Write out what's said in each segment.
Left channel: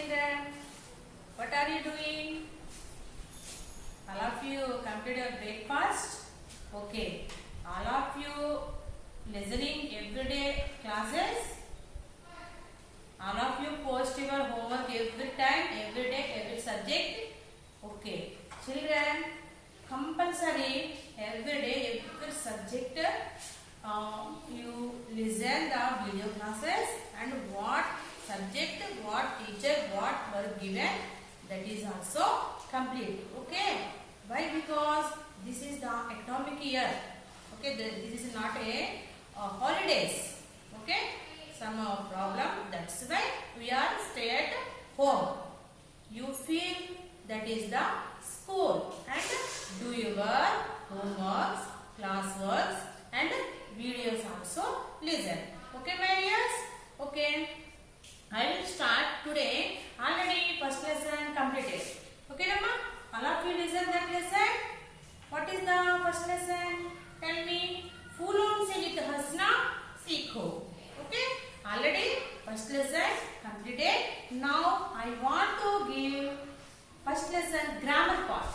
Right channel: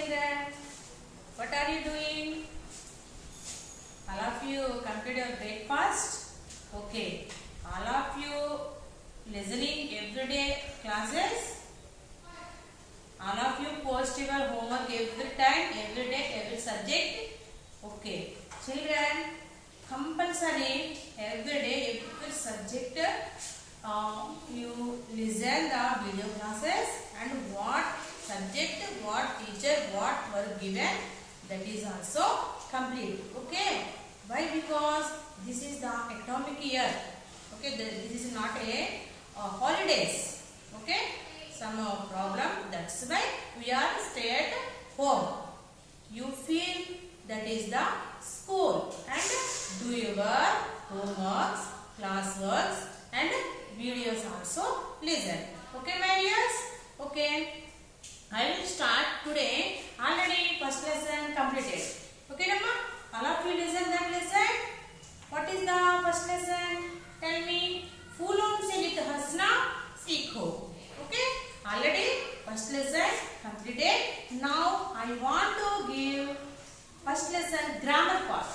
children. What are you doing? All of you completed your breakfast? Okay. All of you listening everyday classes? All of you post your homework every time, every day, every subject? Okay. Children, compulsory every day, every subject you listen the video classes and what subject, what teacher, what work given, that is also complete. Okay. Why? Because this is the academic year. Okay. This is not a holidays. Okay. Some problem. That's why we are stay at home. You feel that is the school and do your homeworks, classworks and videos also listen. Okay, my dears? Okay. I will start today. Already first lesson completed. Okay, Namma? All of you listen that lesson. What is the first lesson? Tell me. फूलों से नित हंसना सीखो. Okay? Already first lesson completed. Now I want to give first lesson grammar part.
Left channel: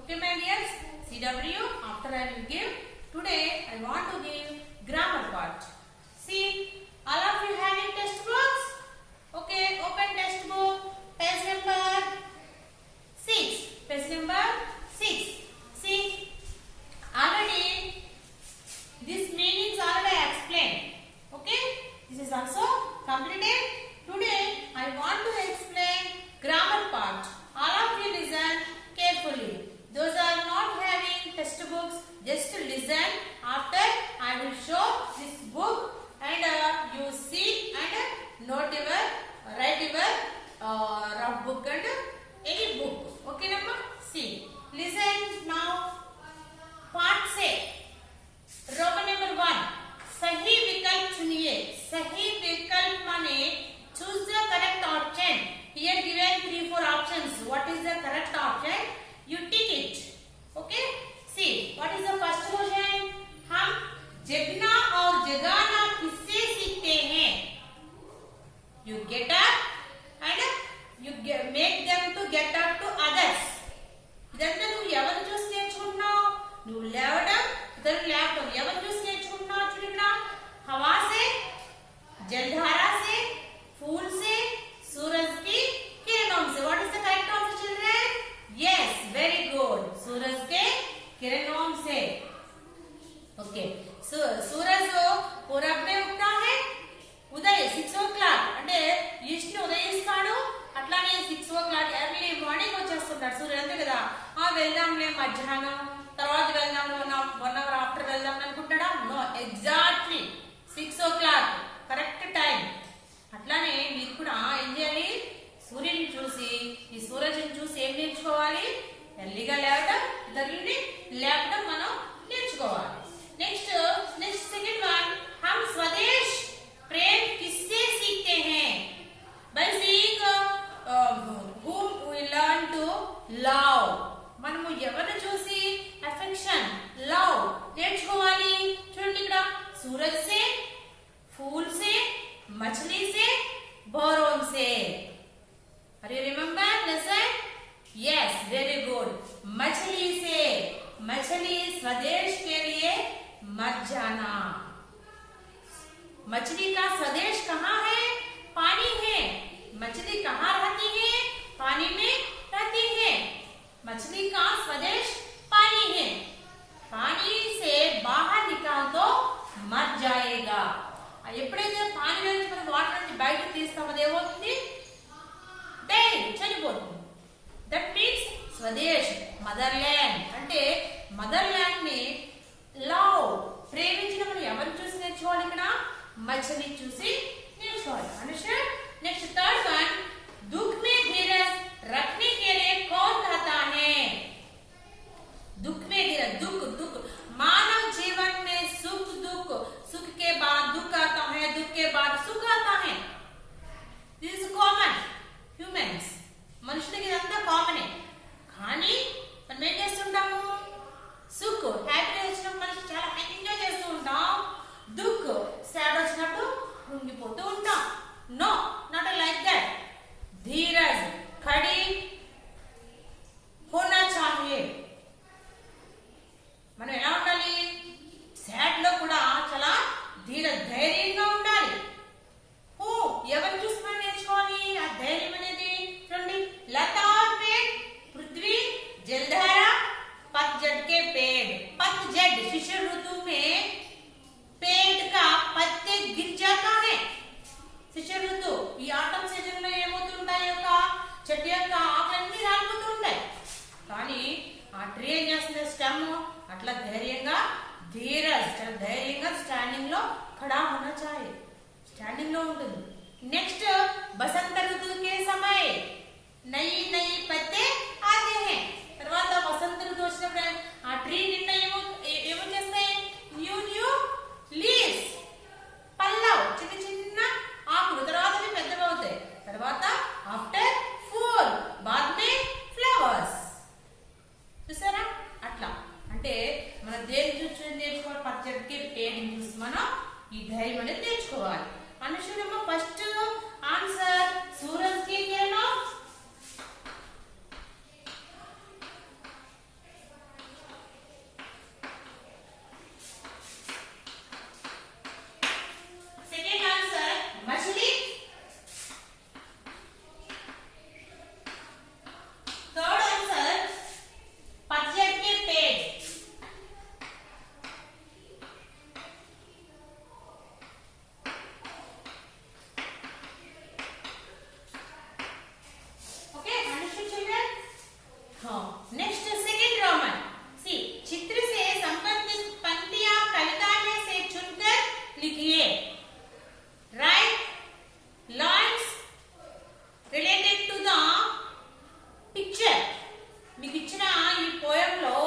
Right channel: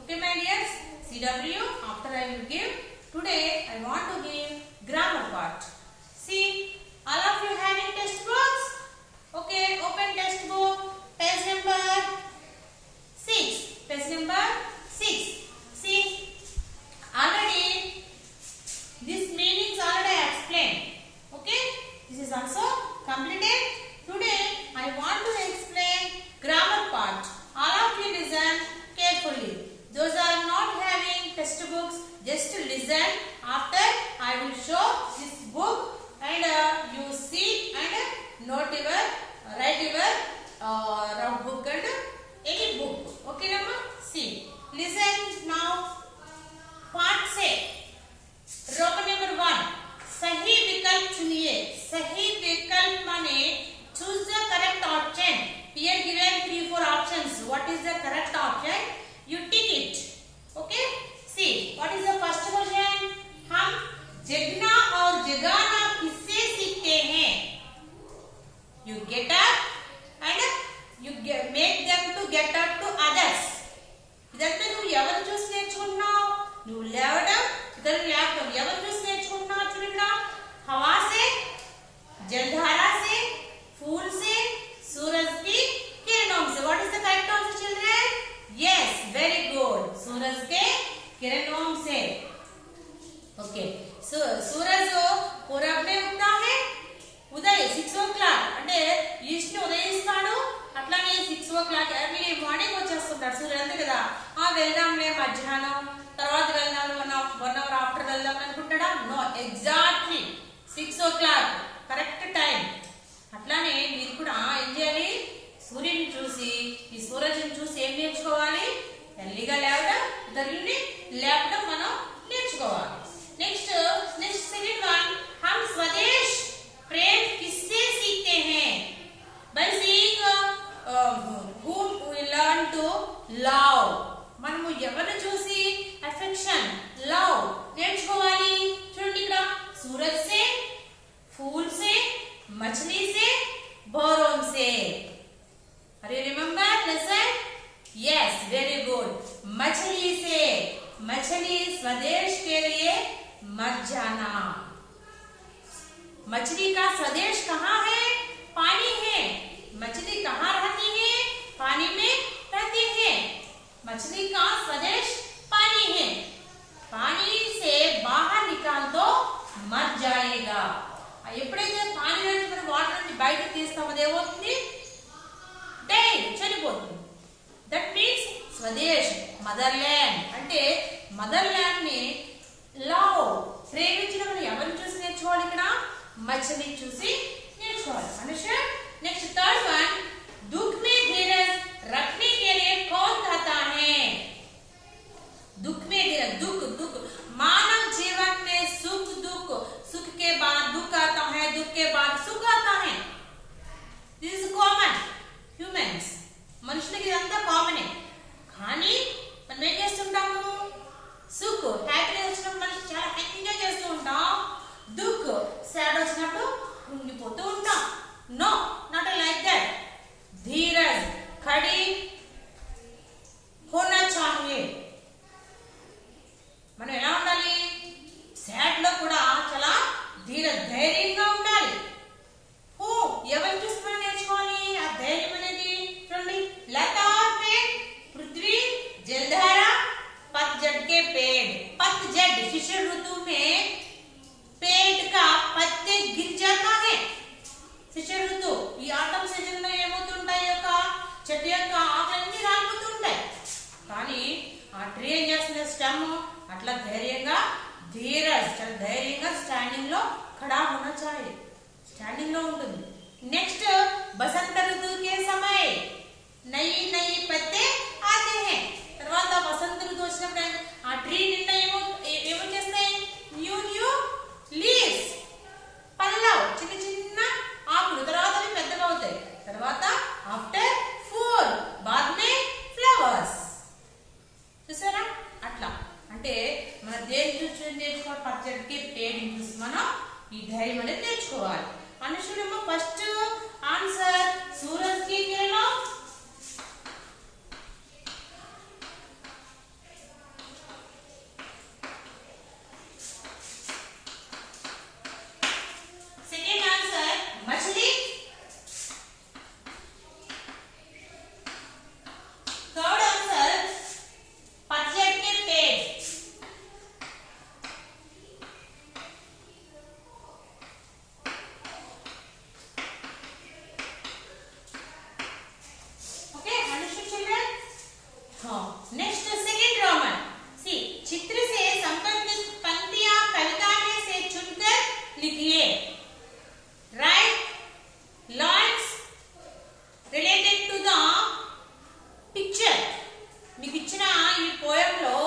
Okay, my dears? CW. After I will give. Today I want to give grammar part. See, all of you having textbooks? Okay, open textbook. Page number 6. Page number 6. See, already this meanings already explained. Okay, this is also completed. Today I want to explain grammar part. All of you listen carefully. Those are not having textbooks, just listen. After I will show this book and you see and note your, write your rough book and any book. Okay, Namma? See, listen now. Part से Roman number 1 सही विकल्प चुनिए. सही विकल्प माने choose the correct option. Here given 3-4 options. What is the correct option? You tick it. Okay? See, what is the first question? हम जगना और जगाना किससे सीखते हैं? You get up and you make them to get up to others. ఇదంతా నువ్వు ఎవరు చూసి నేర్చుకుంటున్నావు? నువ్వు లేవడం, ఇతరులు లేవడం. ఎవరు చూసి నేర్చుకుంటున్నావు? చూడు ఇక్కడ. हवा से, जलधारा से, फूल से, सूरज की किरणों से. What is the correct answer, children? Yes, very good. सूरज के किरणों से. Okay. So सूरज पूरब में उगता है. ఉదయ్ 6 o'clock అంటే ఈస్ట్ ని ఉదయిస్తాడు. అట్లానే 6 o'clock ఎర్లీ మార్నింగ్ వచ్చేస్తుంటాడు సూర్యుడు. అంతే కదా. వెళ్దాంలే మధ్యాహ్నం తర్వాత వెళ్దాం, 1 hour ఆఫ్టర్ వెళ్దాం అనుకుంటాడా? No, exactly 6 o'clock correct time. అట్లానే మీరు కూడా ఏం చేయాలి? సూర్యుని చూసి, ఈ సూరజ్ని చూసి ఏం నేర్చుకోవాలి? ఎర్లీగా లేవడం, ఇతరులని లేపడం మనం నేర్చుకోవాలి. నెక్స్ట్ సెకండ్ వన్, हम स्वदेश प्रेम किससे सीखते हैं? By seeing whom we learn to love. మనము ఎవరిని చూసి అఫెక్షన్, లవ్ నేర్చుకోవాలి? చూడండి ఇక్కడ. सूरज से, फूल से, मछली से, बोरों से. Are you remember lesson? Yes, very good. मछली से. मछली स्वदेश के लिए मत जाना. मछली का स्वदेश कहाँ है? पानी है. मछली कहाँ रहती है? पानी में रहती है. मछली का स्वदेश पानी है. पानी से बाहर निकाल दो, मर जाएगा. ఎప్పుడైతే పానీ నుంచి మనం వాటర్ నుంచి బయట తీస్తామో ఏమవుతుంది? డైడ్, చనిపోతుంది. That means Swades, mother land. అంటే మదర్ ల్యాండ్ ని లవ్, ప్రేమించడం మనం ఎవరిని చూసి నేర్చుకోవాలి? ఇక్కడ మछली చూసి నేర్చుకోవాలి. అండర్స్టాండ్? నెక్స్ట్ థర్డ్ వన్, दुख में धीरज रखने के लिए कौन कहता है? दुख में धीरज, दुख मानव जीवन में सुख दुख, सुख के बाद दुख आता है, दुख के बाद सुख आता है. This is common humans. మనుషులకి ఇదంతా కామనే. కానీ మనం ఏం చేస్తుంటాము? సుఖ్, హ్యాపీనెస్ వచ్చినప్పుడు మనిషి చాలా ఎంజాయ్ చేస్తూ ఉంటాం. దుఃఖ్, సాడ్ వచ్చినప్పుడు వాటిలో కూడా చాలా ధైర్యంగా ఉండాలి. ఎవరిని చూసి మనం నేర్చుకోవాలి ఆ ధైర్యం అనేది? చూడండి, लता पेड़, पृथ्वी जलधारा, पतझड़ के पेड़. पतझड़ शिशिर ऋतु में पेड़ का पत्ते गिर जाता है. शिशिर ऋतु ఈ ఆటం సీజన్ లో ఏమవుతుంటాయి, యొక్క చెట్టు యొక్క ఆకులన్నీ రాలిపోతూ ఉంటాయి. కానీ ఆ ట్రీ ఏం చేస్తుంది, స్టెమ్ అట్లా ధైర్యంగా చాలా ధైర్యంగా స్టాండింగ్ లో ఖడా होना चाहिए, స్టాండింగ్ లో ఉంటుంది. నెక్స్ట్ బసంత ఋతువు के समय नई नई पत्ते आते हैं. తర్వాత వసంత ఋతువు వచ్చినప్పుడు ఆ ట్రీ నిండా ఏమో చేస్తాయి, న్యూ లీవ్స్, పల్లవ్, చిన్న చిన్న ఆకులు. తర్వాత అవి పెద్దగా అవుతాయి. తర్వాత ఆఫ్టర్ ఫూల్ బాద్ మే ఫ్లవర్స్. చూసారా? అట్లా అంటే మన దేని చూసి నేర్చుకోవాలి, పచ్చడికి పేరుని చూసి మనం ఈ ధైర్యం అనేది నేర్చుకోవాలి. అనుషుడమ్మ ఫస్ట్ ఆన్సర్ సూరజ్ కి కిరణం. సెకండ్ ఆన్సర్ మछली. थर्ड आंसर पतझड़ के पेड़. Okay, understood children? हाँ, नेक्स्ट सेकंड रोमन. सी, चित्र से संबंधित पंक्तियां कविता में से चुनकर लिखिए. Write lines related to the picture. మీకు ఇచ్చిన ఈ పోయం లో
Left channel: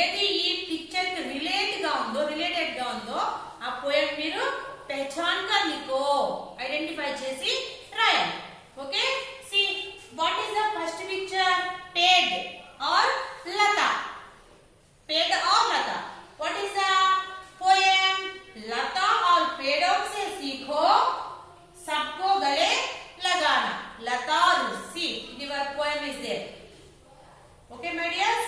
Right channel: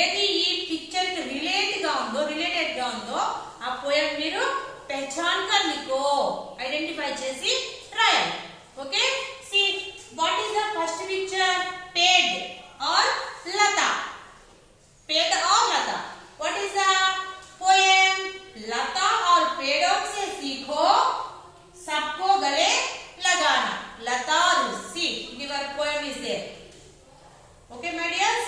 ఏది ఈ పిక్చర్ కి రిలేటెడ్ గా ఉందో ఆ పోయం మీరు పహచాన్ కర్ లిఖో, ఐడెంటిఫై చేసి రాయాలి. Okay, see what is the first picture? पेड़ और लता. पेड़ और लता. What is the poem? लता और पेड़ों से सीखो सबको गले लगाना. लता और सी your poem is there. Okay my dears,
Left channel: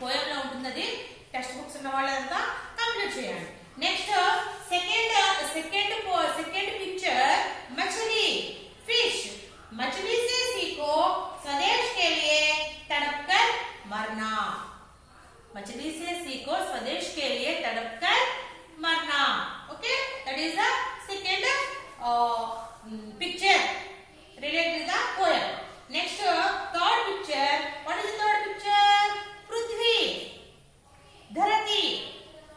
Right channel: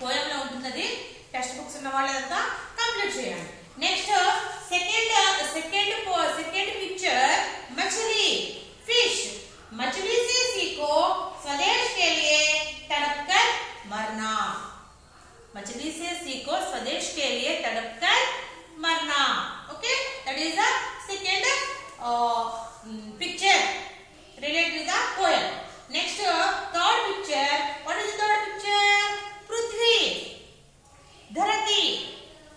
poem లో ఉంటుంది. టెక్స్ట్ బుక్స్ ఉన్న వాళ్ళంతా కంప్లీట్ చేయండి. నెక్స్ట్ సెకండ్ పిక్చర్ मछली, फिश. मछली से सीखो स्वदेश के लिए तड़प कर मरना. मछली से सीखो स्वदेश के लिए तड़प कर मरना. Okay, that is the second picture related to the poem. Next, third picture. What is the third picture? पृथ्वी, धरती.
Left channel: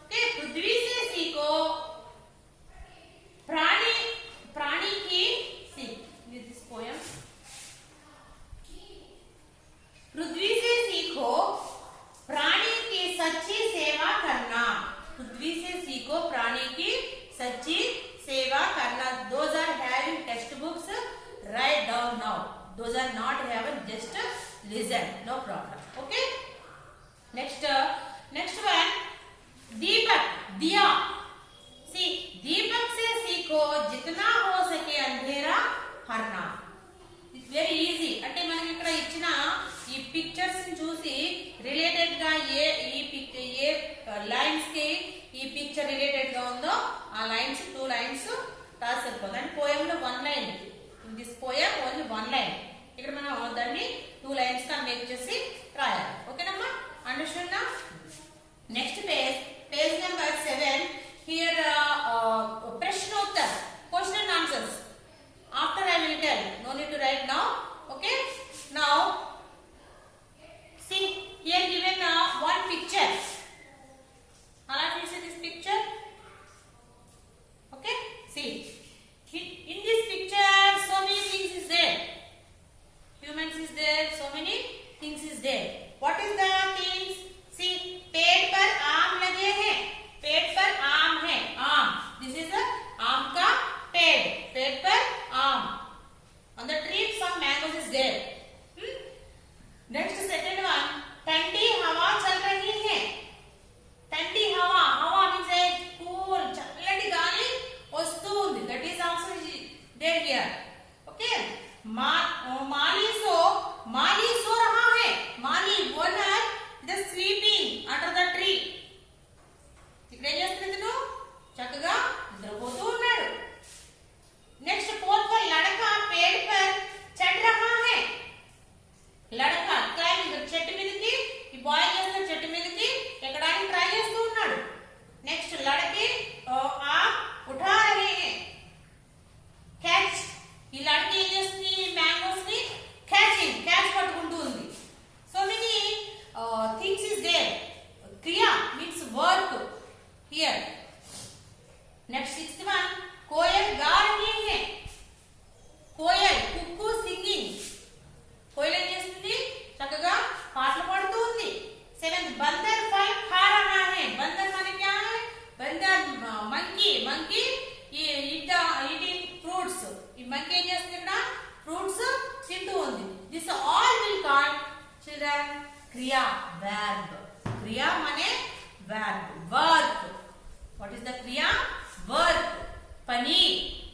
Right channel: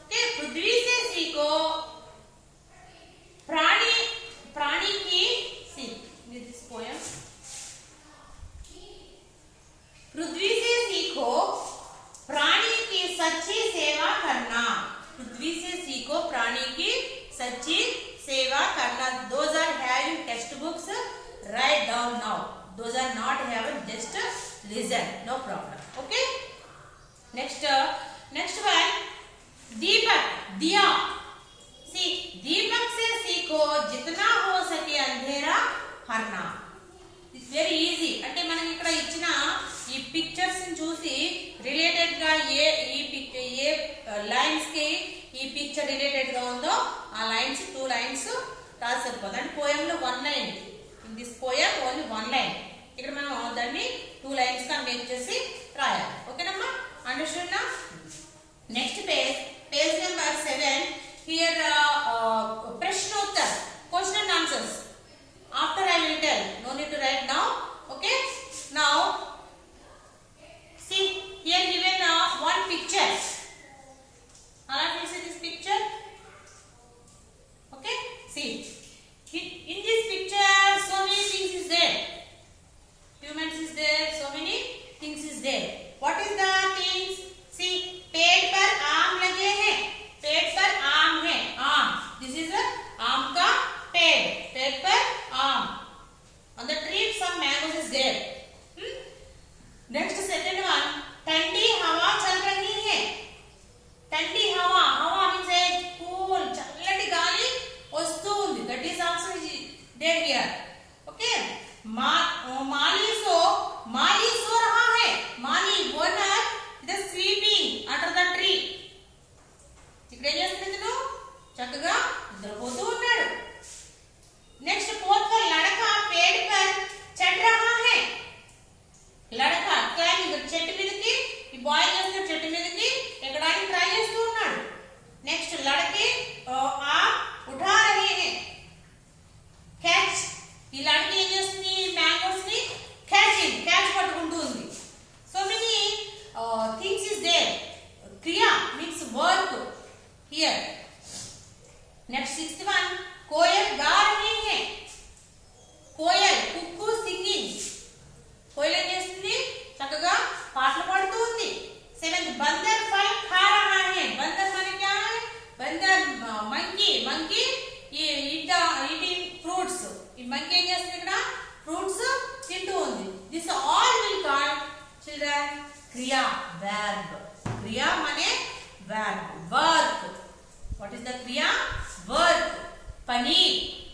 Okay, पृथ्वी से सीखो प्राणी की. See this poem. पृथ्वी से सीखो प्राणी की सच्ची सेवा करना. पृथ्वी से सीखो प्राणी की सच्ची सेवा करना. Those are having text books. Write down now. Those are not having, just listen, no problem. Okay, next one, दीपक, दिया. See, दीपक से सीखो जितना हो सके अंधेरा हरना. It's very easy. అంటే మనకి ఇక్కడ ఇచ్చిన ఈ పిక్చర్స్ ని చూసి రిలేటెడ్ గా ఏ లైన్స్ కి ఈ పిక్చర్ రిలేటెడ్ గా ఉందో ఆ లైన్స్ 2 లైన్స్ రాసి సరిపోతుంది. అంటే పోయం లో 1 line. In this poem only 1 line. ఇక్కడ మనం దాన్ని 2 లైన్స్ గా మేక్ చేసి రాయాలి. ఓకేనమ్మా? అండర్స్టాండ్ నా? Next page number 7. హియర్ ప్రశ్నోత్తర్, question and answers. After I will tell, no need to write now. Okay, now see here given one picture. All of you see this picture? Okay, see in this picture so many things is there. Humans is there, so many things is there. What is the things? See, पेड़ पर आम लगे हैं. पेड़ पर आम है. आम, this is a आम का पेड़. पेड़ पर आम. On the tree some mangoes is there. here. Next 61, कोयल गा रही है. कोयल కుక్కు సింగింగ్. కోयल ఏం చేస్తుంది? చక్కగా పాటలు పాడుతూ ఉంది. 7th, बंदर फल खा रहा है. बंदर माने क्या है? बंदर मंकी. मंकी ये eating fruits. ఈ మంకీ ఏం చేస్తుంది? ఇక్కడ ఫ్రూట్స్ తింటూ ఉంది. This all will call children kriya verb. kriya माने verb, work. What is the kriya? Work. pani.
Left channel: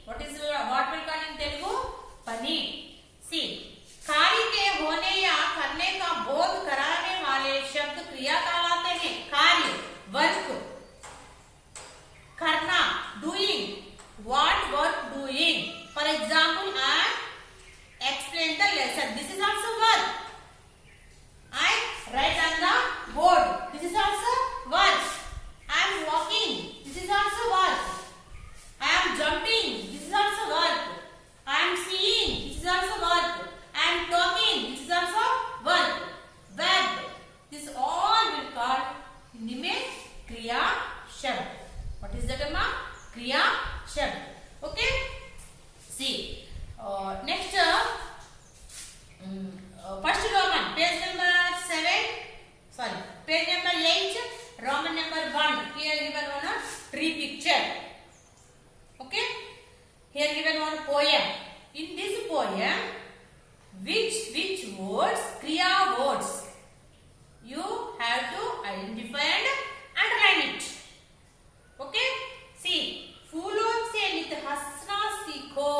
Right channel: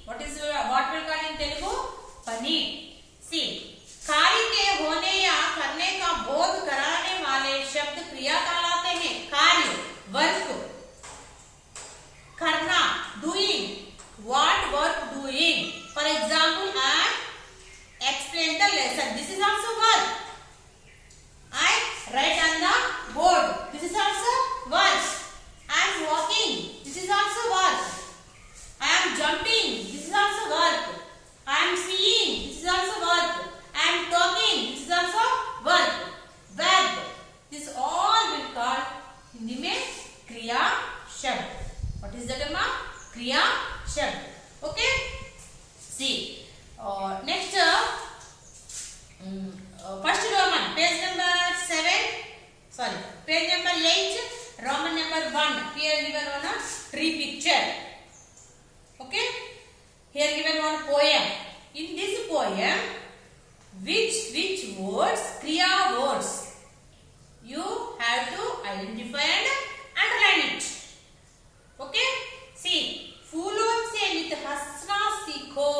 What will call in Telugu? pani. See, कार्य के होने या करने का बोध कराने वाले शब्द क्रिया कहलाते हैं. कार्य, वर्क, करना, doing. What work doing? For example, I explain the lesson. This is also work. I write on the board. This is also work. I am walking. This is also work. I am jumping. This is also work. I am seeing. This is also work. I am talking. This is also work. Verb. This all will call Hindi में क्रिया शब्द. What is that, Amma? क्रिया शब्द. Okay. See. Next. First Roman. Page number 7. Sorry. Page number 8. Roman number 1. Here given one tree picture. Okay. Here given one poem. In this poem, which words? Kriya words. You have to identify and underline it. Okay. See. फूलों से नित हंसना सीखो.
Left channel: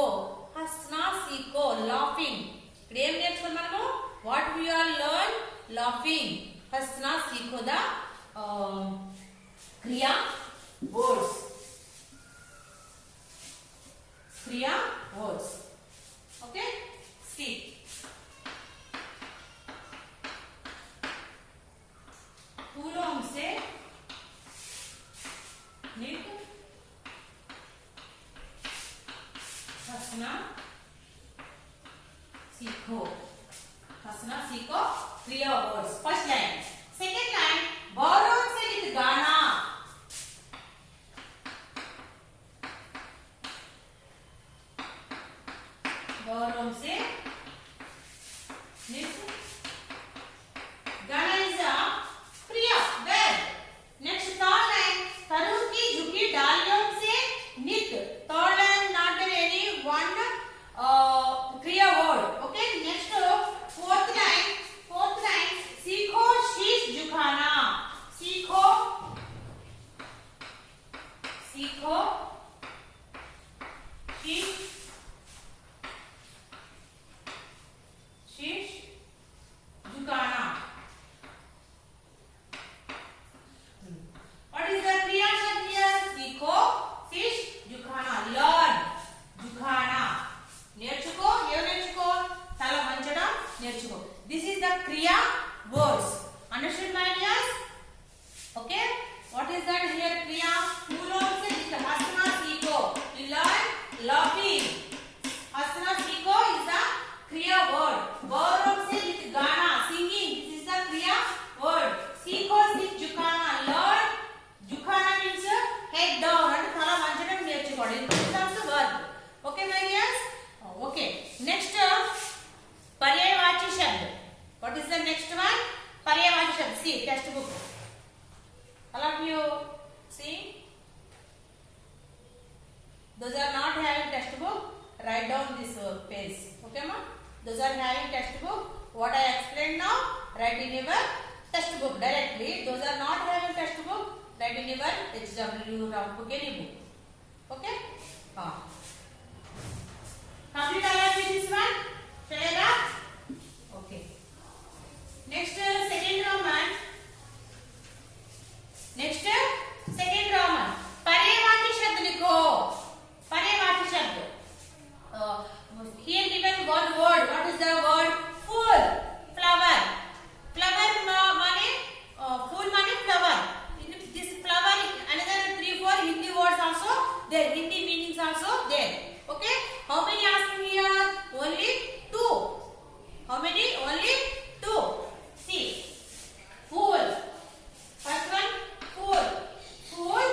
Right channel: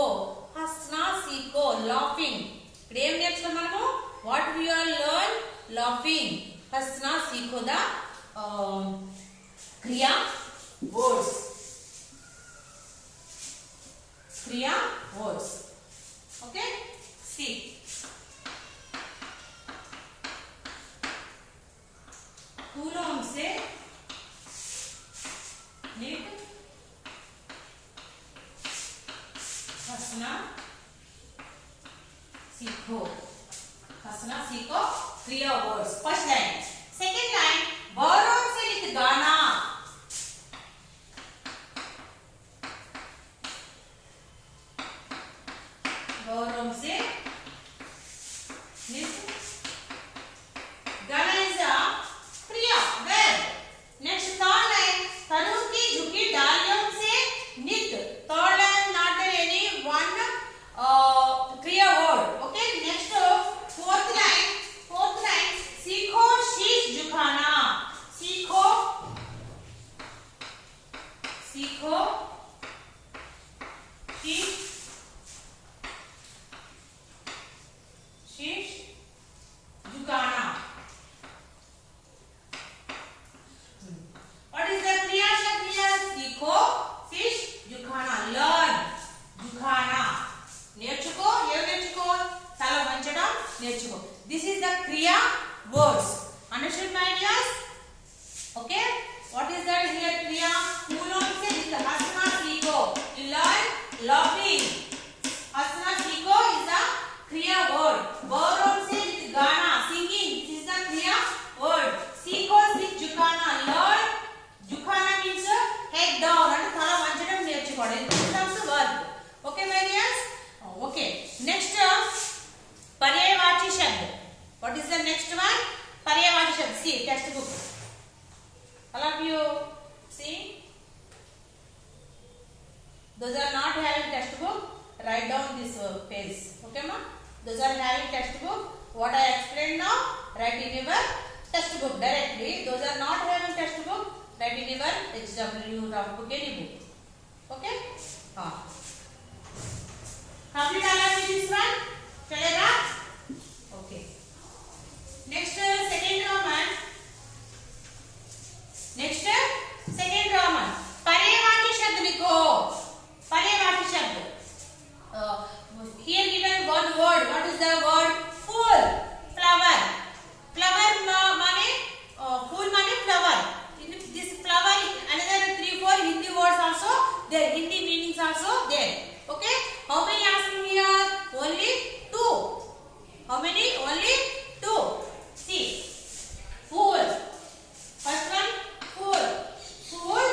हंसना सीखो. Laughing. ఇక్కడ ఏం నేర్చుకున్నాం మనము? What we are learn? Laughing. हंसना सीखो the क्रिया words. क्रिया words. Okay. See. फूलों से नित हंसना सीखो. हंसना सीखो. क्रिया words. First line. Second line, बौरों से नित गाना. बौरों से नित गाना इज अ क्रिया वर्ब. नेक्स्ट थर्ड लाइन, तनु की झुकी डालियों से नित. Third line not any one क्रिया word. Okay. Next fourth line. सीखो शीश झुकाना. सीखो शीश झुकाना. What is the क्रिया शब्द here? सीखो शीश झुकाना. Learn. झुकाना. నేర్చుకో. ఏం నేర్చుకో? తల వంచడం నేర్చుకో. This is the kriya words. Understood, my dears? Okay. What is that here? Kriya. फूलों से नित हंसना सीखो. You learn laughing. हंसना सीखो is the kriya word. बौरों से नित गाना. Singing. This is the kriya word. सीखो शीश झुकाना. Learn. झुकाना means head down. అంటే తల వంచడం నేర్చుకోవడం. This is also verb. Okay, my dears? Okay. Next, पर्यायवाची शब्द. What is the next one? पर्यायवाची शब्द. See, textbook. All of you see. Those are not having textbook, write down this page. Okay, ma? Those are having textbook. What I explained now, write in your textbook directly. Those are not having textbook, write in your HW round book, any book. Okay? Complete all of this one. चलेगा? Okay. Next, second Roman. पर्यायवाची शब्द लिखो. पर्यायवाची शब्द. Here given one word. What is the word? Full. Flower. Flower माने फूल माने flower. This flower, another 3-4 Hindi words also there. Hindi meanings also there. Okay. How many asking here? Only 2. How many? Only 2. See. Fool. First one, fool. Fool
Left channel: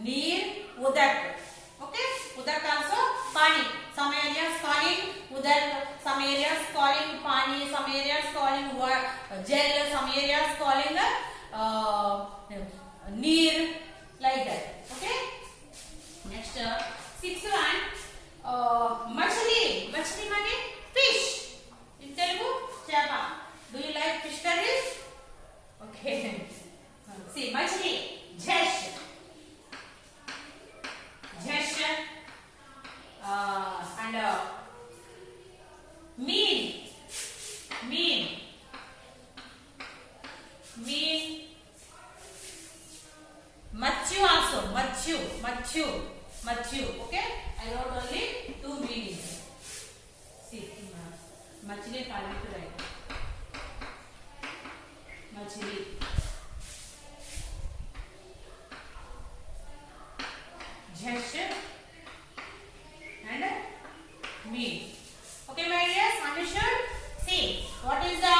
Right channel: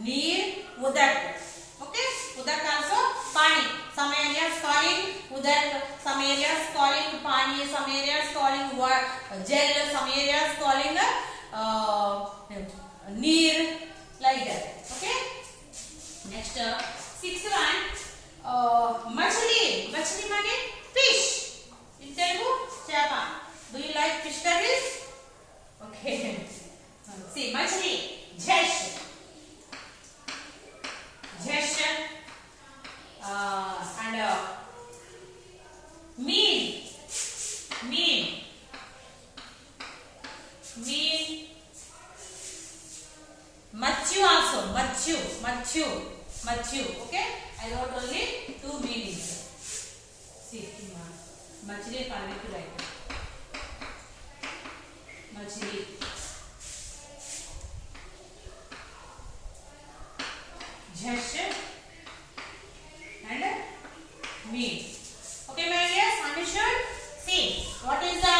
neer, udak. Okay, udak also pani. Some areas calling udak, some areas calling pani, some areas calling gel, some areas calling neer, like that. Okay. Next, sixth one, machli. Machli means fish. In Telugu, chapa. Do you like fish curries? Okay. See, machli, jhesh, jhesh, and mean, mean, mean, machu also, machu, machu, machu. Okay, I wrote only two meanings. See, machli correct right. Machli, jhesh, and mean. Okay, my dears, understood? See, what is the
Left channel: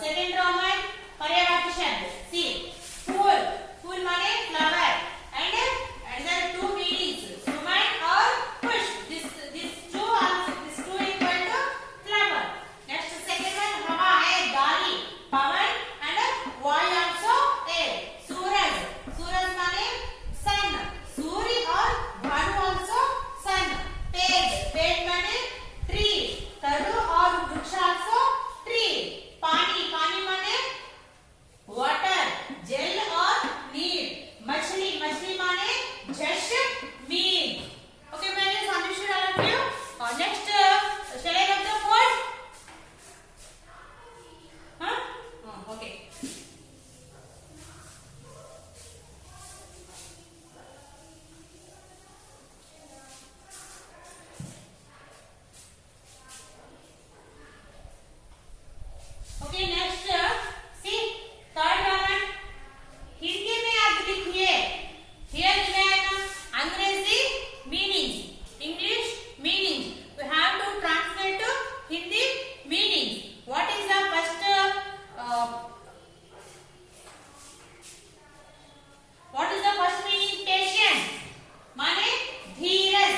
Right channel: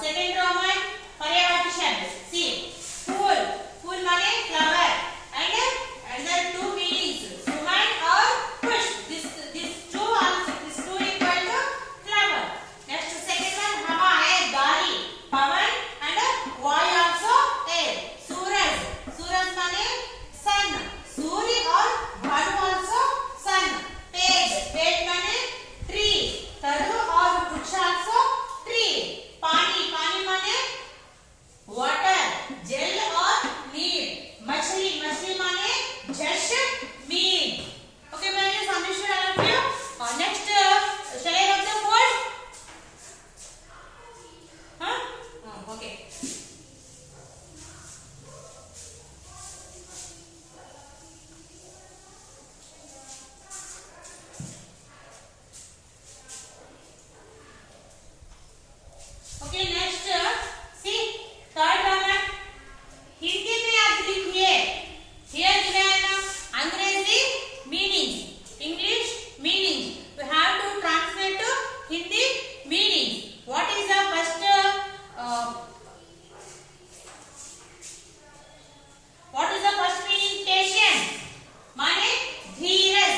second Roman Paryavati Shabd? See, fool, fool means flower, and there are two meanings, woman or push. This two also, this two equal to flower. Next, second one, Hava, air, gari, pavan, and vayu also air. Suraj, Suraj means sun. Suri or Bhanu also sun. Ped, ped means tree. Taru or vriksha also tree. Pani, pani means water. Gel or neer. Machli, machli means jhesh, mean. Okay, my dear, understood all of you? Next, shall I have the word? Huh? Okay. Okay, next, see, third Roman. Hindi में आप लिखिए. Here given अंग्रेजी meanings, English meanings. We have to translate to Hindi meaning. What is the first? What is the first meaning? Patient. माने धीरज.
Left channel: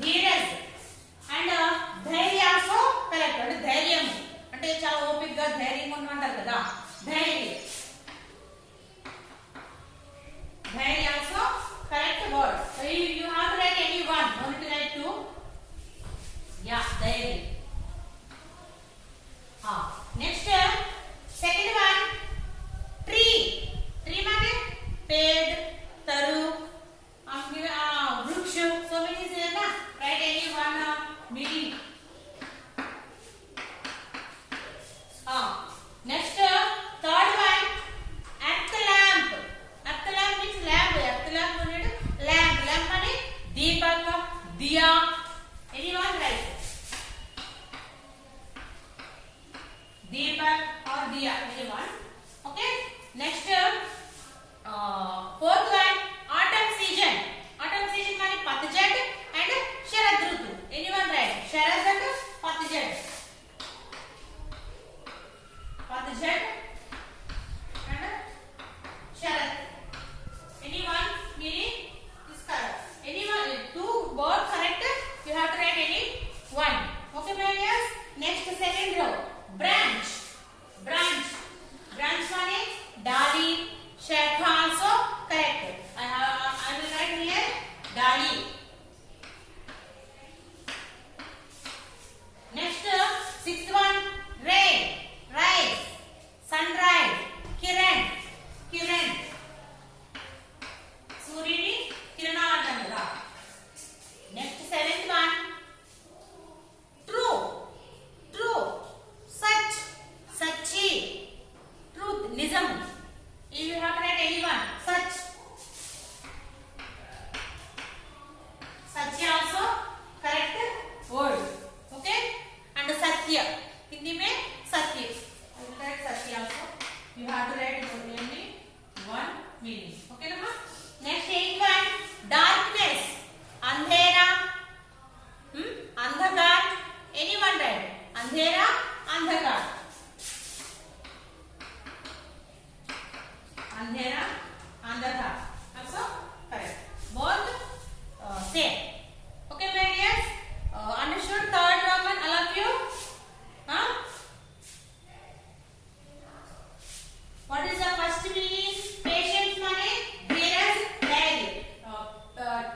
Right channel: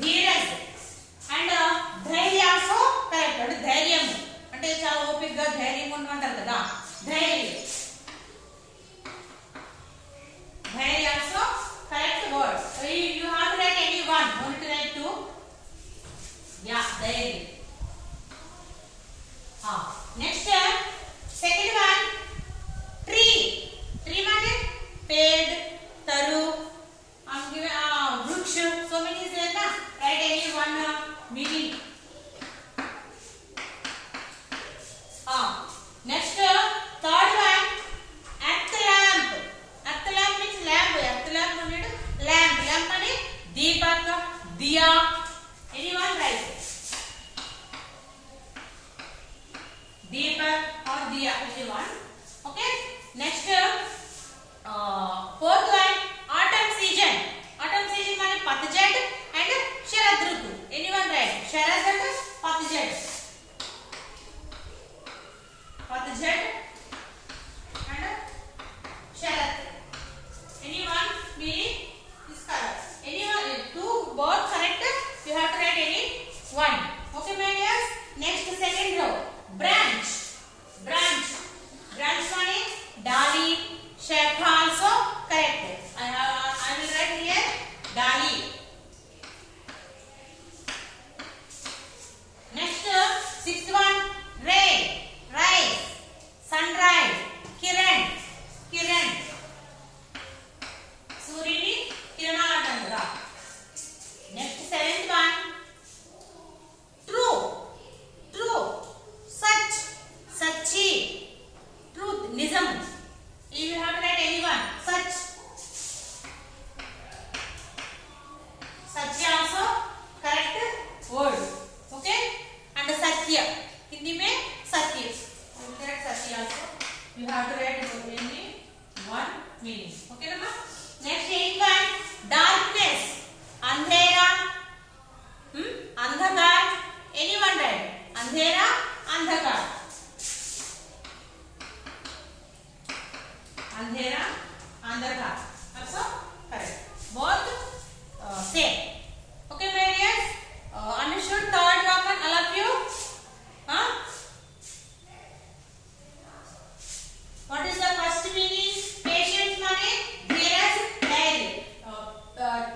धीरज. And धैर्य also correct. Dhairyam అంటే చాలా ఓపికగా ధైర్యంగా ఉండమంటారు కదా. ధైర్యం. ధైర్య also correct word. So you have to write any one. Only to write two. Yeah, ధైర్యం. Next, second one, tree. Tree means पेड़, तरु. I'm giving vriksha. So many is there na. Write any one meaning. Next, third one, at lamp. At lamp means lamp. At lamp means lamp. Lamp means deepak, diya. Anyone write? Deepak or diya. Anyone? Okay. Next, fourth one, autumn season. Autumn season means patjat and sharad rutu. Anyone write? Sharad and patjat. Patjat and sharad. Anyone meaning this color? Anyone? Two both correct. You have to write any one. Okay, my dears. Next, second row, branch. Branch. Branch means dali. Shakha also correct. I will write here dali. Next, sixth one, rain. Rise, sunrise, kiran, kiran. Suryini kirana antandra. Next, seventh one, true, true, such, sachi, truth, nizam. If you have to write any one, such, sachi also correct word. Okay, and satya. Hindi mein satya. I will write satya also. You have to write only one meaning. Okay, Nama? Next, eighth one, darkness. Andhera. Andhakar. Anyone write? Andhera, andhakar. andhera, andhaka. Also correct. Both same. Okay, my dears. Understood third Roman, all of you? Huh? What is the first meaning? Patience money, dheeraj, diary.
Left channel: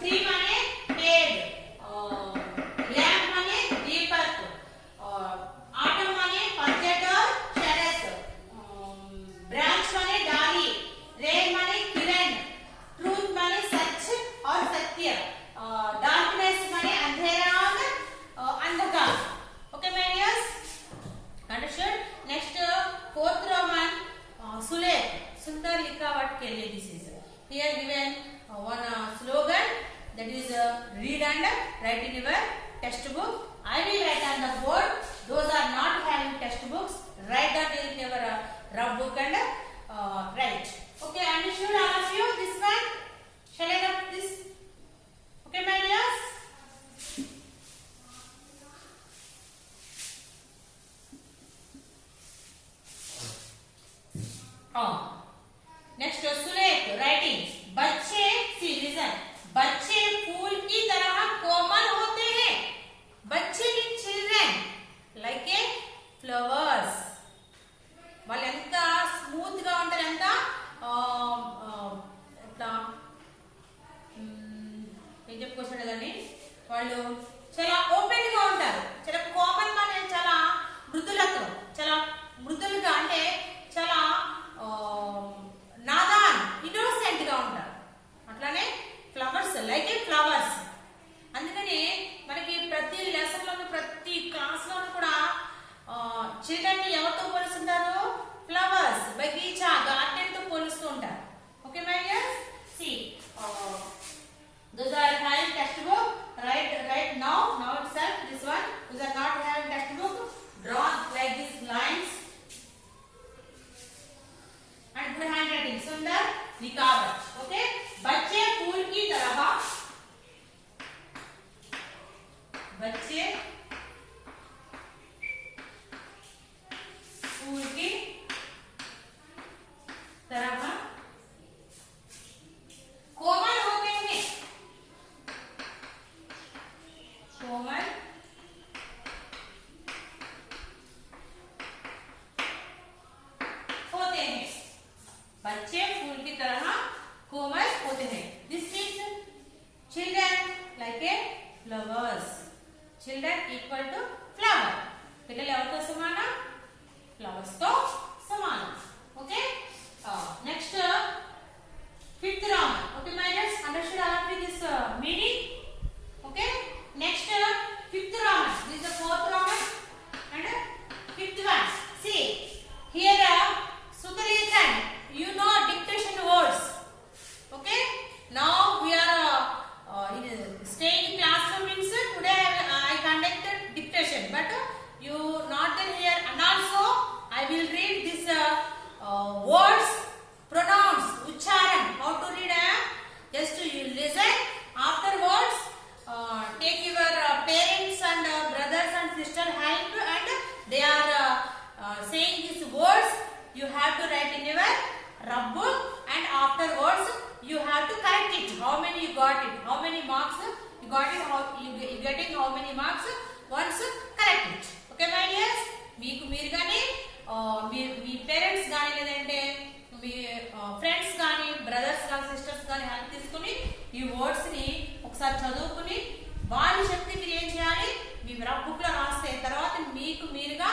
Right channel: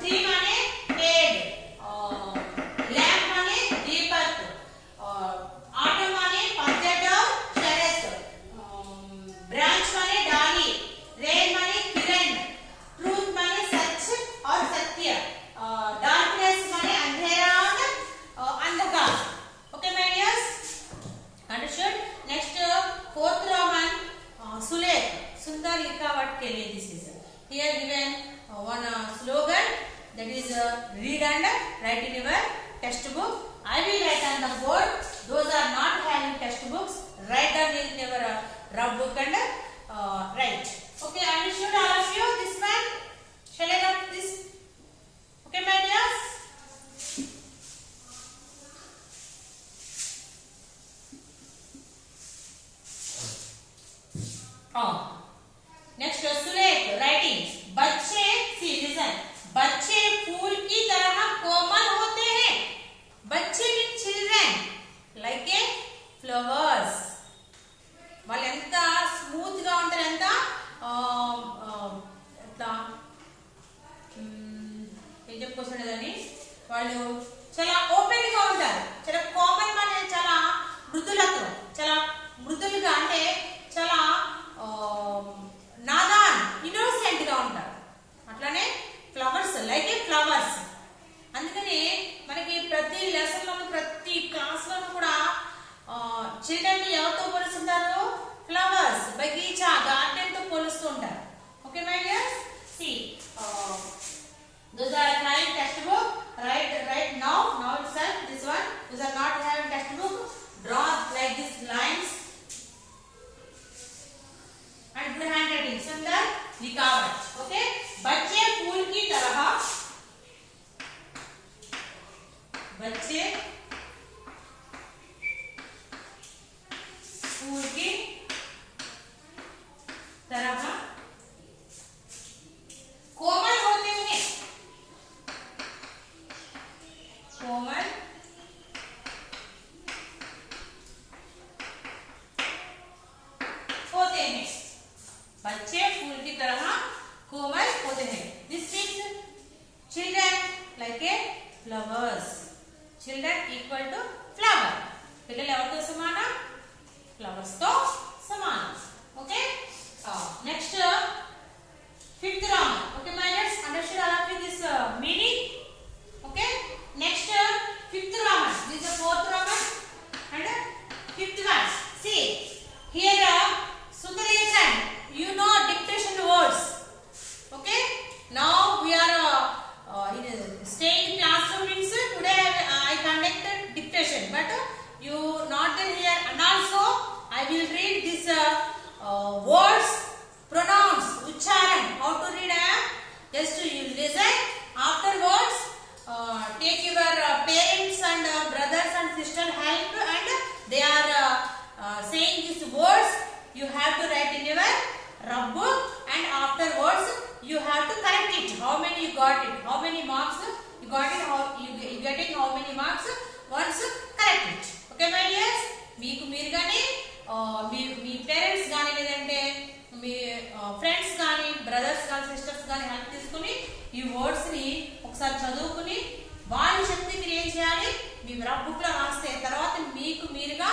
Tree money, paid. Lamp money, deepak. Autumn money, Panjat or Sharat. Branch money, Dali. Rain money, Kiran. Truth money, Sach or Satya. Darkness money, Andhera or Andhaka. Okay, my dears? Understood? Next, fourth Roman, Sulekh. Sundar Likhavat ke liye this is. Here given one slogan, that is read and write in your textbook. I will write on the board. Those are not having textbooks, write down in your rough book and write. Okay, understood all of you this one? Shall I write this? Okay, my dears? Next सुलेख writing बच्चे सी listen बच्चे फूल की तरह कोमल होते हैं बच्चे mean children like a flowers వాళ్ళు ఎంత స్మూత్ గా ఉంటారు ఎంత ఎట్లా ఏం చెప్పుకోవచ్చు దాన్ని వాళ్ళు చాలా ఓపెన్ గా ఉంటారు చాలా కోమల్ గా చాలా మృదులతో చాలా మృదులుగా అంటే చాలా నాదాన్ ఇన్నోసెంట్ గా ఉంటారు అట్లానే ఫ్లవర్స్ లైక్ ఏ ఫ్లవర్స్ అందుకని మనకి ప్రతి లెసన్ లోను ప్రతి క్లాస్ లోను కూడా చిల్డ్రన్ ని ఎవరితో పోలుస్తుంటారు ఫ్లవర్స్ బగీచా గార్డెన్ తో పోలుస్తూ ఉంటారు okay my dears see those are having textbook right now itself this one those are not having textbook draw like these lines and good handwriting Sundar Likhavat okay बच्चे फूल की तरह बच्चे फूल की तरह कोमल होते हैं कोमल होते हैं बच्चे फूल की तरह कोमल होते हैं this means children like a flowers children equal to flower పిల్లలు ఎవరితో సమానం ఫ్లవర్స్ తో సమానం okay next fifth round okay my dears understood all of this meaning okay next fifth round this is the fourth round and fifth one see here Sudalechan you know dictation words okay now we are staying in classroom means today I conducted dictation but you not there here and also I will read this words pronouns ucharan how to read just you listen afterwards take your parents and brothers and sisters help and they are saying these words you have to write in your rough book and afterwards you have to correct it how many you got it how many marks you got it how you getting how many marks once correct it okay my dears మీకు మీరుగానే మీ parents గాని లేదంటే మీ friends గాని brothers గాని sisters గాని help తీసుకుని ఈ words ని ఒకసారి చదువుకుని వాళ్ళ శక్తి మీరు ఏం చేయాలి మీ రఫ్ బుక్ లో రాస్తే తర్వాత మీకు మీరుగా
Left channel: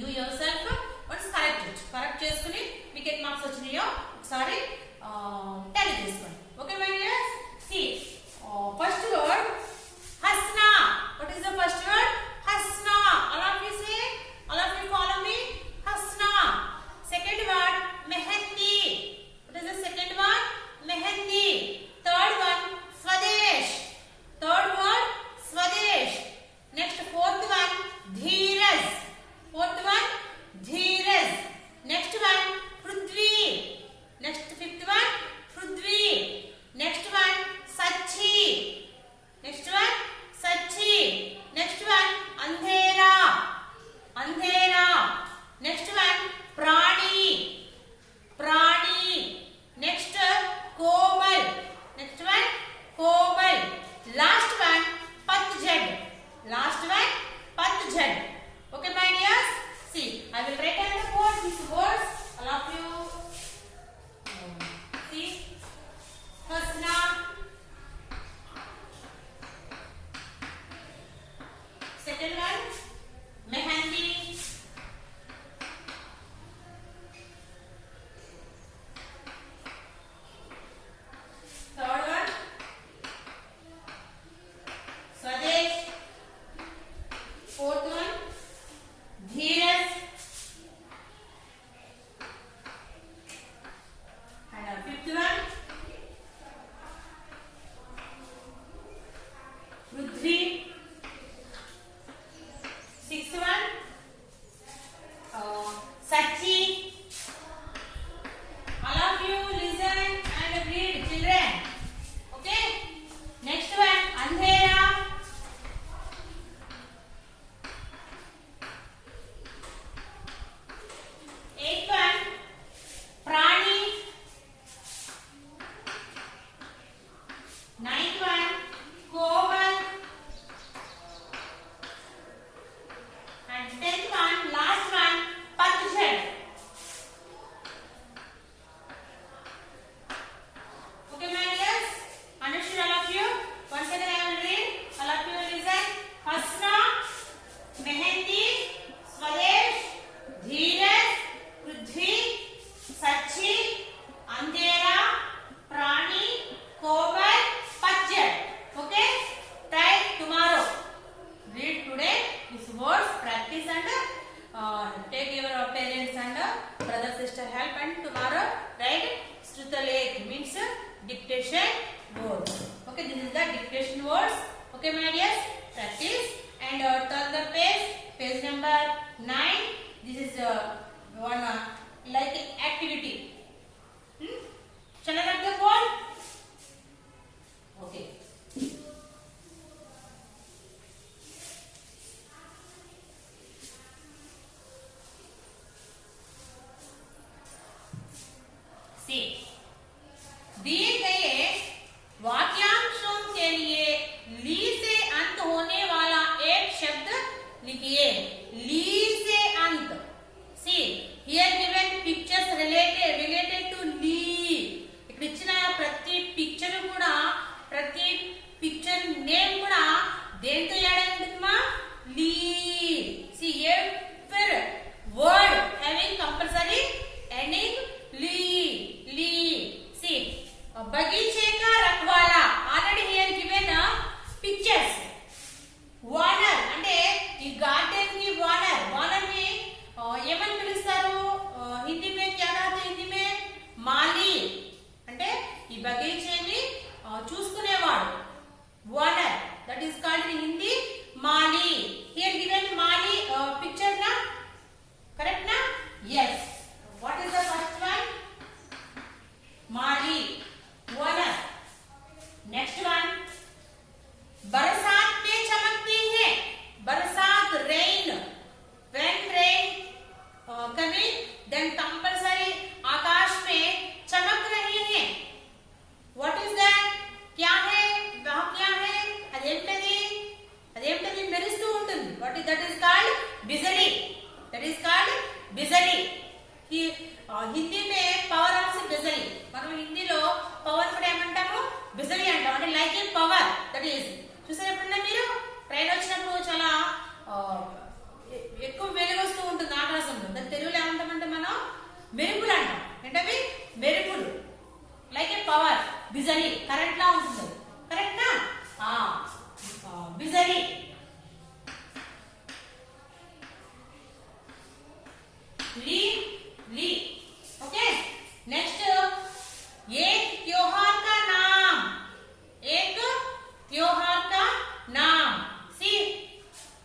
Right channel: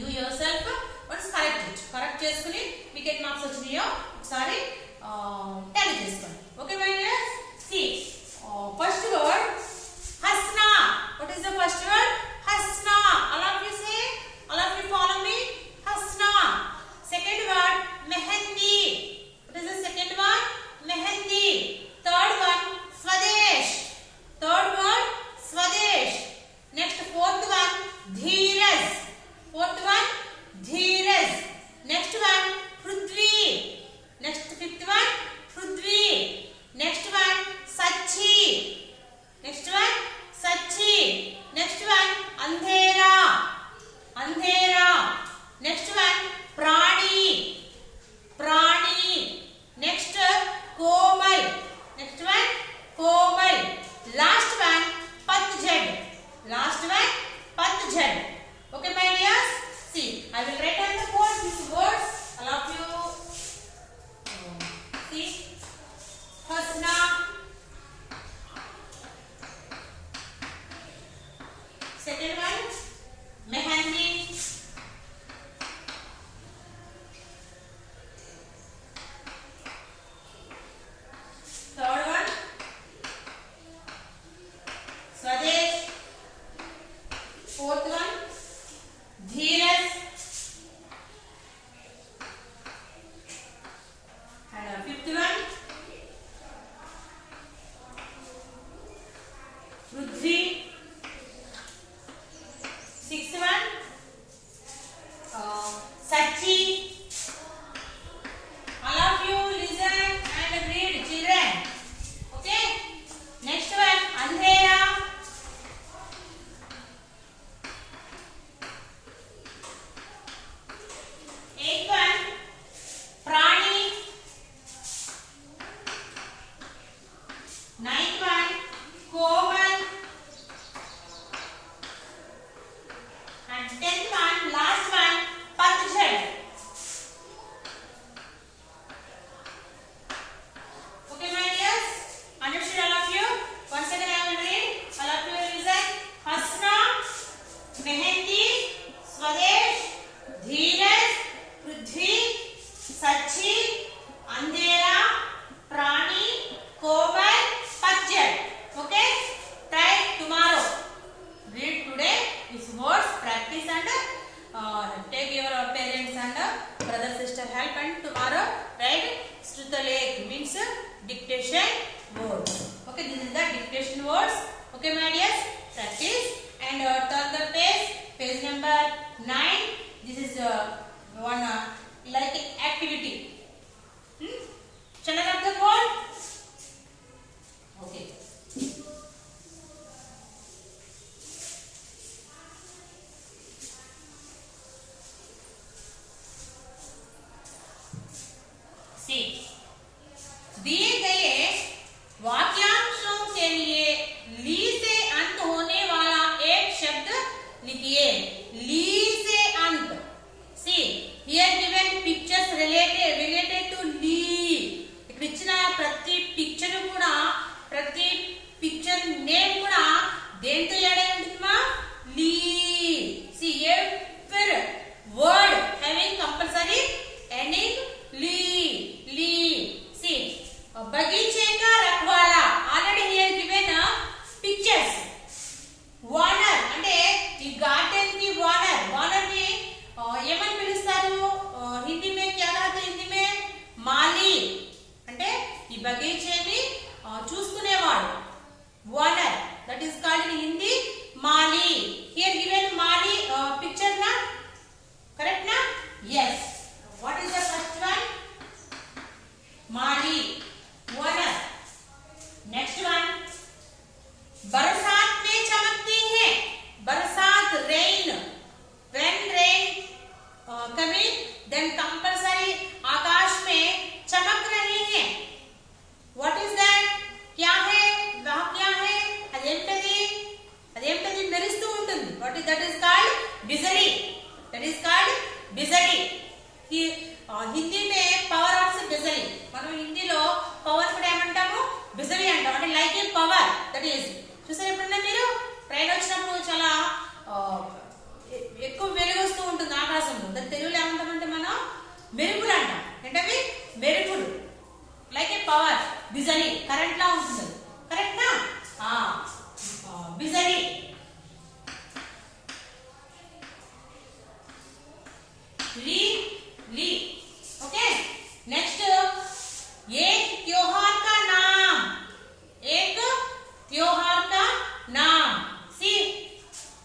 you yourself once correct చేసుకుని మీకు ఎన్ని మార్క్స్ వచ్చినాయో ఒకసారి టాలీ చేసుకోండి okay my dears see first word హస్నా what is the first word హస్నా all of you say all of you follow me hasna second word mehendi what is the second one mehendi third one swadesh third word swadesh next fourth one dheeraj fourth one dheeraj next one prithvi Hasnat, second one mehndi, third one स्वदेश, fourth one Dheeraj, and fifth one Prithvi, sixth one Sachi. All of you listen and read, children. Okay. Next one अंधेरा, eighth one प्राणी, ninth one Komal, and 10th one, last one, पतझड़. Okay, my dears, understood all of you? Once again I will read. All of you will listen. हंसना, मेहंदी, स्वदेश, धीरज, पृथ्वी, सच्ची, अंधेरा, प्राणी, कोमल, पतझड़. Okay? Try tomorrow. Read today these words, practice and take your parents and brother sister help, and tomorrow write Struthalekh means dictation words. Okay, this is the dictation words. Okay, my dears, practice and turn the page number 9. This is one like activity. Shall I write the code? Okay. दिए गए वाक्यांशों के लिए ली से अंत होने वाला एक शब्द लिखिए. ली से अंत. See, here given pictures related to ली. ఇక్కడ ఇచ్చిన ప్రతి పిక్చర్ కూడా, ప్రతి పిక్చర్ నేమ్ కూడా దేంతో యాడ్ అయి ఉంటుందమ్మా? ली. See, every word having compulsory ending ली. ली. See, बगीचे का रखवाला. Already here given pictures. వానర్ అంటే ఈ గార్డెన్ కి వానర్. వానర్ ని ఏమని పిలుస్తారు హిందీ మే? క్యా कहते హిందీ మే? మాలి. అంటే ఈ బగీచేని చూసుకునేవాడు. వానర్. That is called in Hindi మాలి. హియర్ గివెన్ మాలి పిక్చర్ నా? కరెక్ట్ నా? yes. What is the first one? माली, वानर. नेक्स्ट वन बरसात में चमकती है. बरसात, rain. When rain coming, then compulsory आकाश में चमक रही है. What is that? क्या है? वह क्या है? అదేంటది మెరుస్తూ ఉంటుంది. What is that? Is called बिजली. That is called बिजली. హిందీ మే పవర్ ఆఫ్ బిజలీ. మనం హిందీలో పవర్ కూడా ఏమంటాము? బిజలీ అంటాం. అంటే like A power. That is. చూసారు ఎప్పుడన్నా మీరు? ట్రైన్ వచ్చినప్పుడు చాలా ఎక్కువ వెలుగు వస్తూ ఉంటుంది ఆకాశంలో. దాని తెలుగులో ఏమంటామంటే మనం మెరుపులు అంటాం. ఏంటవి? మెరుపులు. లైక్ ఏ పవర్. బిజలీ కరెంట్ లా ఉంటుంది. కరెక్ట్ నా? బిజలీ. ली. ली. ओके. नेक्स्ट एक त्योहार का नाम. एक त्योहार का नाम. सी,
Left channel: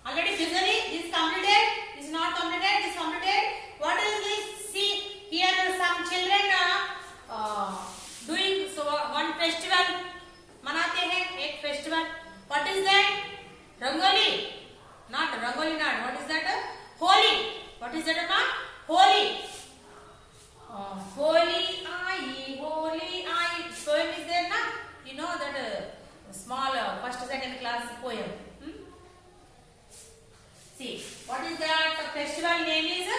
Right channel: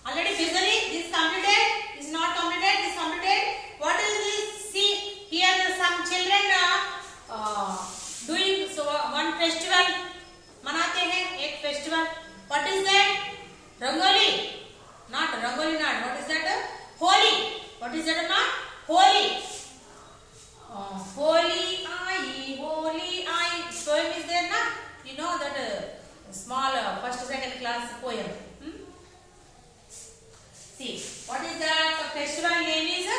already visually this completed. This is not completed. This completed. What is this? See, here some children doing so one festival मनाते हैं. एक festival. What is that? Rangoli. Not Rangoli. Not. What is that? Holi. What is that, ma? Holi. Holy I. Poem is there, na? You know that small first second class poem. See, what is that? The festival name is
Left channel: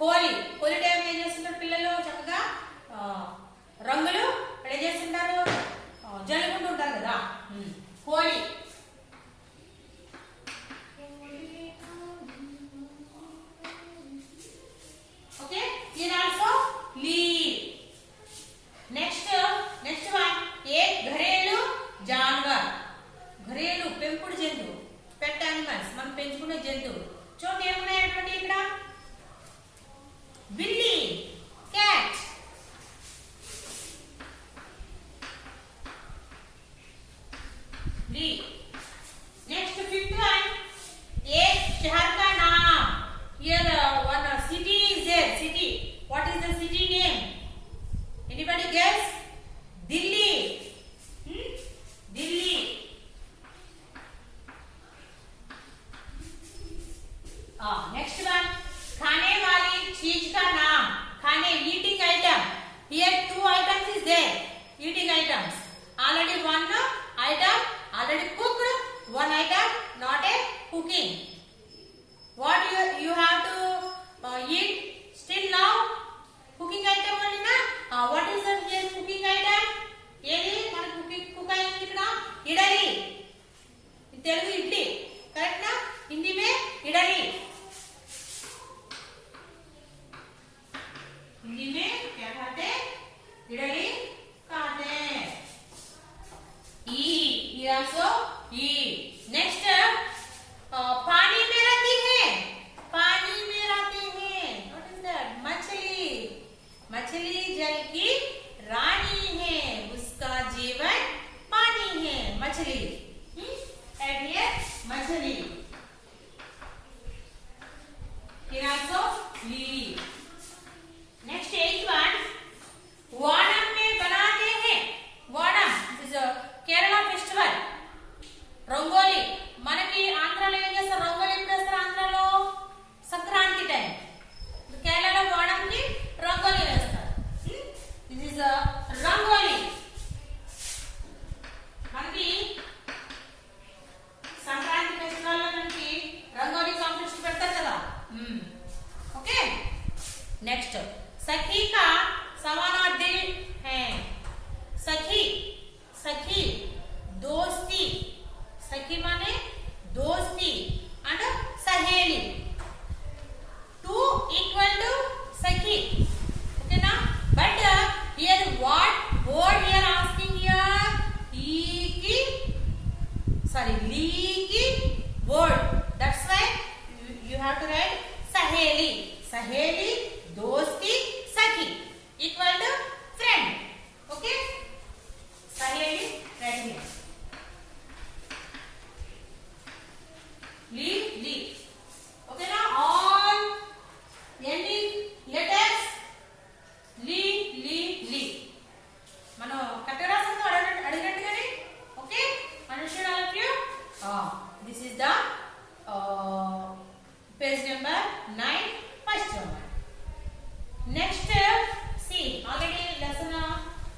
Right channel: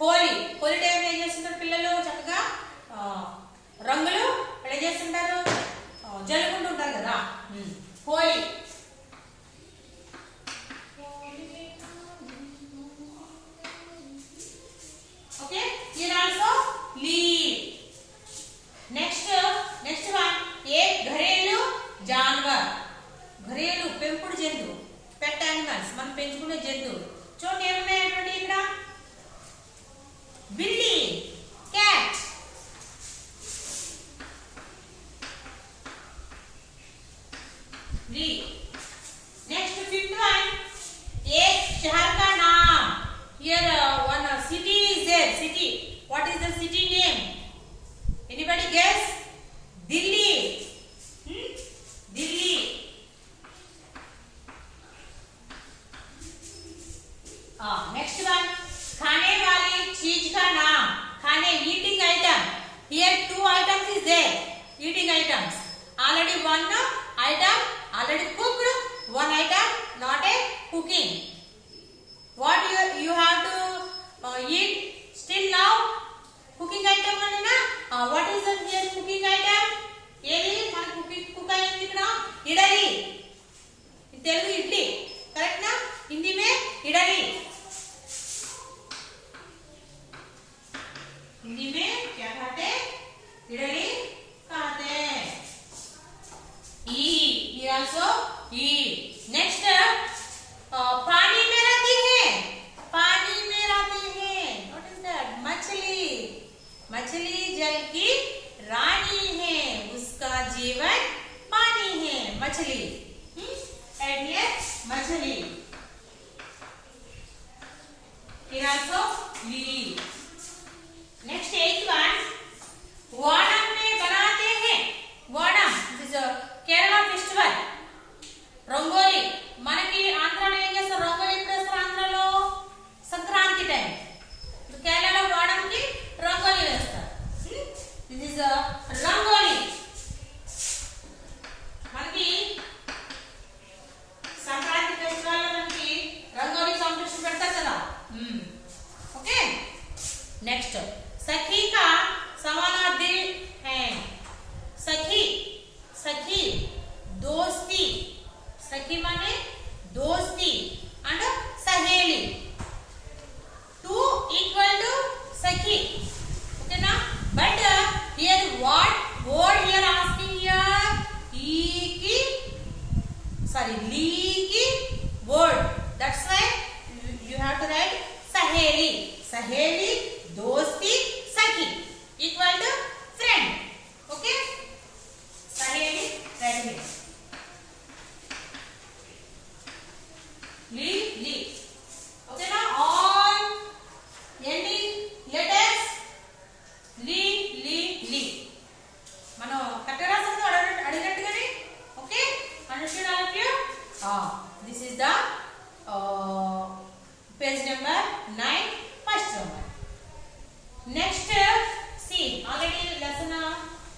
Holi. Holi time ఏం చేస్తుంటారు పిల్లలు? చక్కగా రంగులు ఏం చేస్తుంటారు? Holi. Okay, here also leave. Next one, एक घरेलू जानवर. घरेलू పెంపుడు జంతువు, పెట్ యానిమల్స్, మనం పెంచుకునే జంతువులు. చూడండి ఏమున్నాయి ఇక్కడ. బిల్లీ, క్యాట్. ली. Next fifth one, एक शहर का नाम. Here one city is there. City. What is the city name? Anybody guess? Delhi. Delhi. Next one, खाने वाली चीज का नाम. खाने, eating item. Here two items is there. Eating items. Already one item already cooked, one item not a cooking. What you have to eat still now? Cooking item only na. What is that here cooking item? ఏది మన cook అయింది ఇక్కడ ఇడలి. Telugu idli correct ना. हिंदी में इडली. हिंदी में क्या कहते हैं? इडली कहते हैं. Here also eat. Next पानी में रहती है. पानी में रहती है. What is that? मछली. मछली जल की रानी है. उसका जीवन पानी है. मछली. And here मछली. Here also leave. Next eighth one, Vaanam में बनाते हैं. Vaanam, this is a Kerala festival. Rangoli. మనకి ఆంధ్రాలో ఏం చేస్తారు? రంగోలి ఎప్పుడు వేస్తారు ఆంధ్రాలో? సంక్రాంతి టైం. కేరళలో వాడంకి రంగోలి వేస్తారు. This is rangoli. మనకి సంక్రాంతి ఫెస్టివల్ లో మనకి రంగోలి కాంపిటీషన్ పెడతారు కదా. ఓకే. నెక్స్ట్ सखी का समानार्थी है. सखी, सखी दोस्ती. सखी माने दोस्ती and सहेली. Two equal to सखी. Okay na? But here what word here asking here? Leaky word. That's why you have to write सहेली. सहेली, दोस्ती, सखी equal to friend. Okay? सहेली right here. Leave. Okay now all ending letters leave. మనం కట్టరాసంతో అడిగినట్టుగానే. Okay? Understood all of you? This is the page number 9, first one. Next, see, already lesson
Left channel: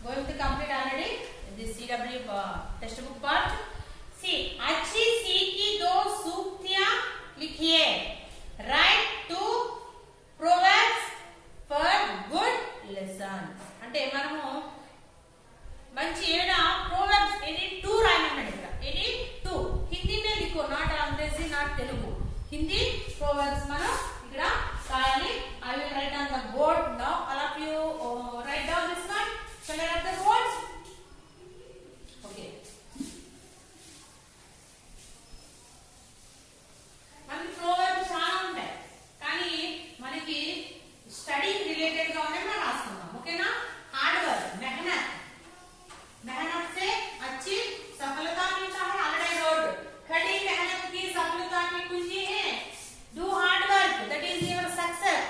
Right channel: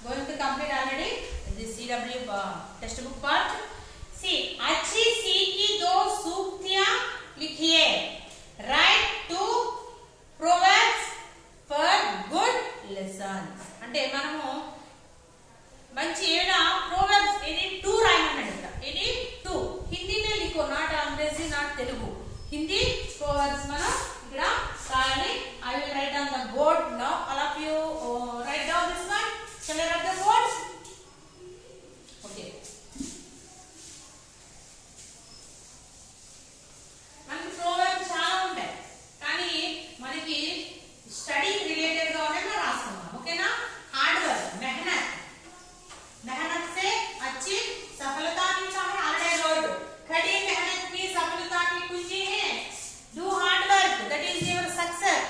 going to complete already. This CW textbook part. See, अच्छी सी की दो सूक्तियां लिखिए. Write two proverbs for good lessons. అంటే మనము మంచి ఏదైనా proverbs ఇది 2 రాయమన్నాడు ఇక్కడ. ఇది 2 హిందీ में लिखो, not अंग्रेजी, not तेलुगु. हिंदी proverbs మనం ఇక్కడ రాయాలి. I will write on the board now. All of you write down this one. Shall I write the board? Okay. మనకి proverbs చాలా ఉంటాయి, కానీ మనకి స్టడీ రిలేటెడ్ గా ఉండే మనం రాస్తున్నాం. ఓకేనా? హార్డ్ వర్క్, मेहनत से अच्छी सफलता मिलता है. ऑलरेडी रोड खड़ी मेहनत की सफलता की कुंजी है. Do hard work, that is your success.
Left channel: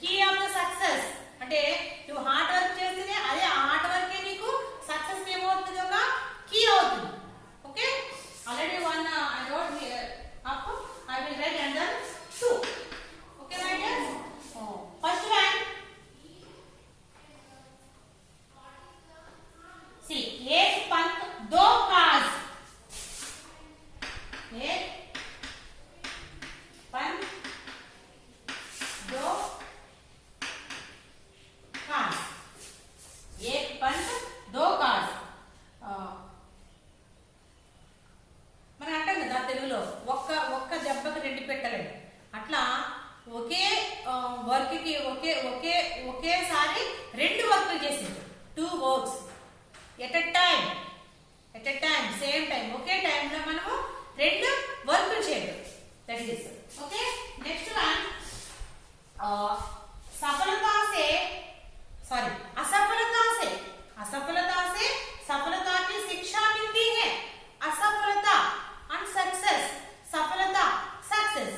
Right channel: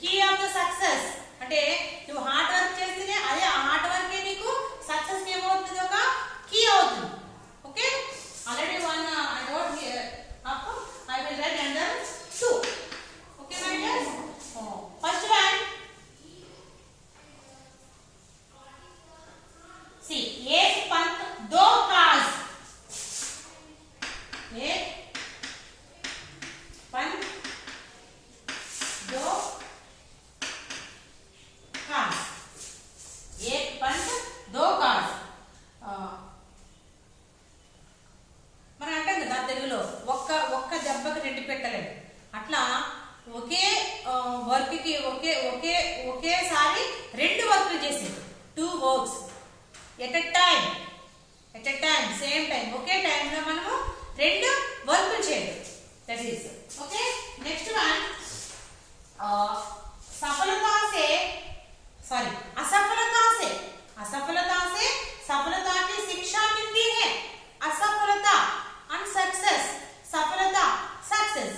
Key of the success. అంటే నువ్వు హార్డ్ వర్క్ చేస్తేనే అదే works at a time same time ఒకే టైంలో మనము రెండు వర్క్లు చేయడం. That is okay. Next one असफलता से सफलता की शिक्षा मिलती है. असफलता and success, सफलता सक्सेस.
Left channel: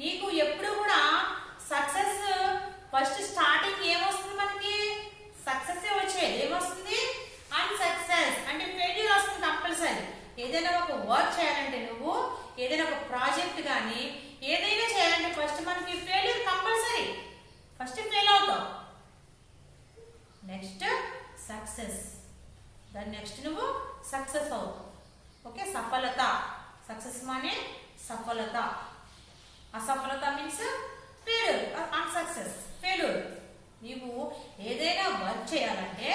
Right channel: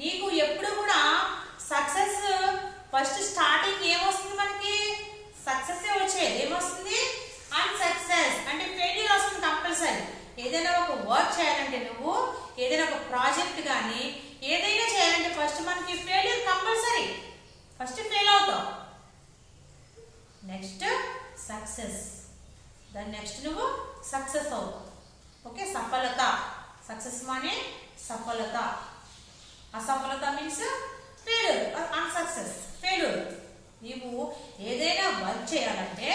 నీకు ఎప్పుడు కూడా సక్సెస్ ఫస్ట్ స్టార్టింగ్ ఏమొస్తుంది, మనకి సక్సెస్ వచ్చేది ఏమొస్తుంది, అన్సక్సెస్ అంటే ఫెయిల్యూర్ వస్తుంది కంపల్సరీ. ఏదైనా ఒక వర్క్ చేయాలంటే, నువ్వు ఏదైనా ఒక ప్రాజెక్ట్ కానీ ఏదైనా చేయాలంటే ఫస్ట్ మనకి ఫెయిల్యూర్ కంపల్సరీ. ఫస్ట్ ఫెయిల్ అవుతావు, నెక్స్ట్ సక్సెస్, దాని నెక్స్ట్ నువ్వు సక్సెస్ అవుతావు. ఓకే. సఫలత, సక్సెస్ మానే సఫలత. అసఫలత మీన్స్ ఫెయిల్యూర్, అన్సక్సెస్ ఫెయిల్యూర్. నీవు ఏదైనా వర్క్ చేయాలంటే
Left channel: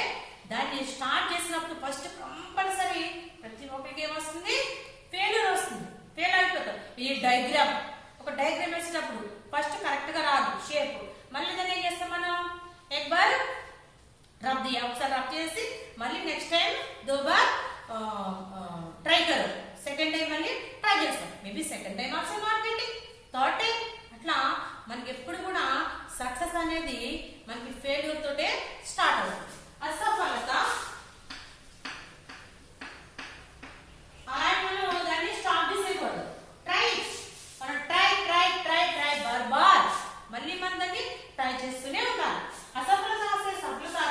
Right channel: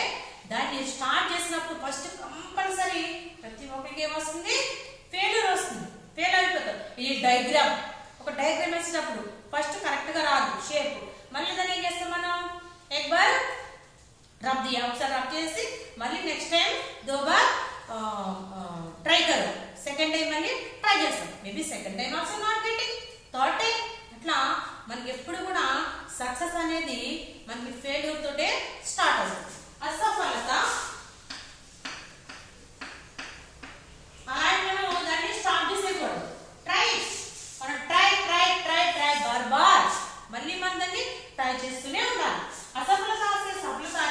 దాన్ని స్టార్ట్ చేసినప్పుడు ఫస్ట్ కంపల్సరీ ప్రతి ఒక్కరికి ఏమొస్తుంది, ఫెయిల్యూర్ వస్తుంది, ఫెయిల్ అయిపోతాం. ఈ డయాగ్రామ్, ఒక డయాగ్రామ్ వేసేటప్పుడు ఫస్ట్ కరెక్ట్ గా రాదు షేప్, మళ్ళీ దాన్ని ఏం చేస్తాం మనం, एक बार रब दिया, ఒకసారి రబ్ చేసి మళ్ళీ నెక్స్ట్ టైం దో బార్ ట్రై కరో, సెకండ్ టైం మళ్ళీ ట్రై చేస్తాం. Maybe second time also not getting, third time. అట్లా మనకి ఎప్పుడు కూడా సక్సెస్ అనేది మనకి ఫెయిల్యూర్ తోటే స్టార్ట్ అవుతుంది. అసఫలత మనం దాన్ని స్టాప్ చేసేయకూడదు. ట్రై, మనం try try try try bar bar మళ్ళీ మనం దాన్ని ట్రై చేస్తూనే ఉండాలి. असफलता से सफलता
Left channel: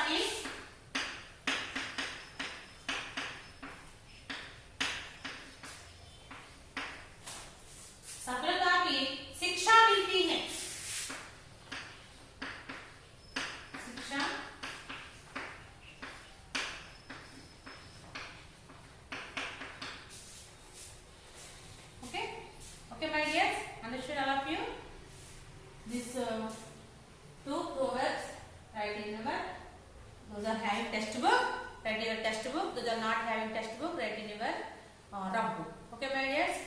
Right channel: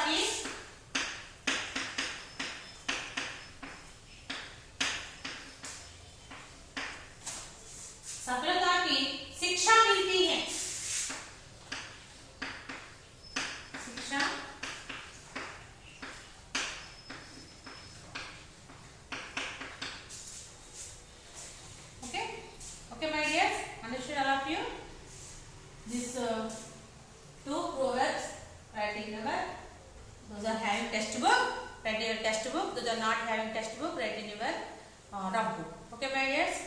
की शिक्षा मिलती है. शिक्षा okay. Okay my dears, understood all of you this two proverbs. Writing number, those are having textbook, write your textbook. Those are not having textbook, write in your rough book. Okay my dears,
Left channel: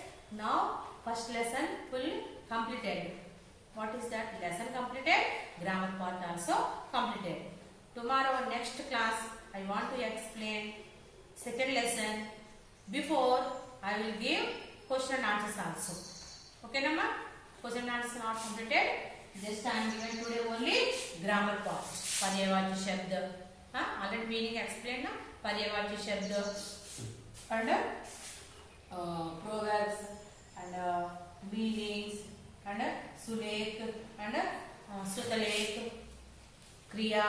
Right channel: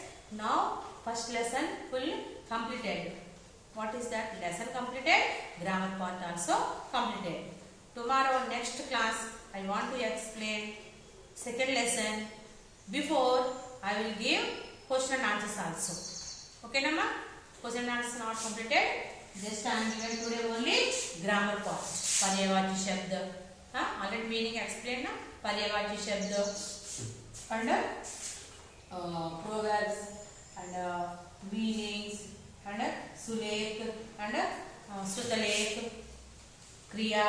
now first lesson full completed. What is that lesson completed? Grammar part also completed. Tomorrow next class I want to explain second lesson. Before I will give question and answers also. Okay nama, question and answers not completed. Just I am given today only grammar part. पर्यायवाची शब्द, already meaning explained na. पर्यायवाची शब्द and proverbs and meanings and सुलेख and श्रुतलेख, kriya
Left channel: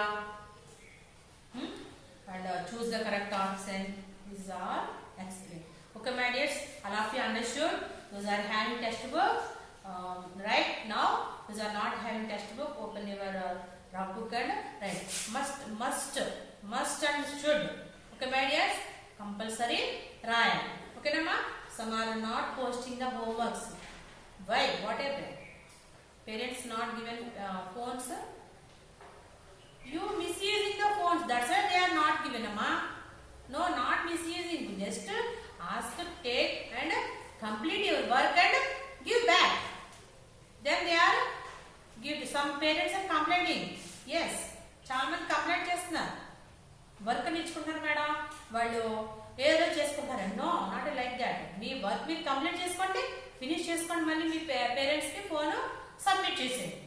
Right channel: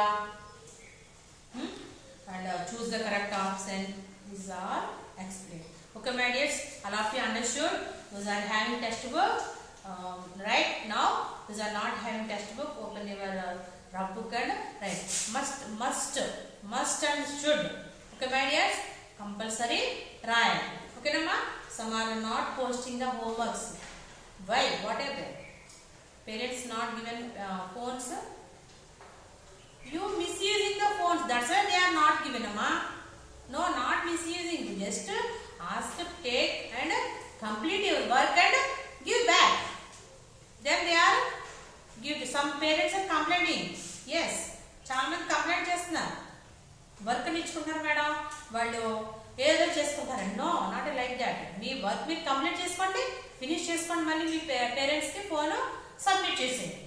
and choose the correct option. These are explained. Okay my dears, all of you understood. Those are having textbook. Right now those are not having textbook. Open your rough book and write. Must and should. Okay my dears, compulsory write. Okay nama, some are not posting the homeworks. Why? What happened? Parents not given phones. You misusing the phones, that's why they are not given amma. No, not misusing, just ask, take and complete your work and give back. Then they are give. Some parents are complaining. Yes, చాలా మంది complaint చేస్తున్నారు, work ఇచ్చుకుంటారు madam వాళ్ళు ఏదో చేసుకుంటారు. No, not like that. మీ work మీరు complete చేసుకోండి, finish చేసుకోండి, మళ్ళీ మీ పేరెంట్స్ కి ఫోన్ సబ్మిట్ చేసేయండి.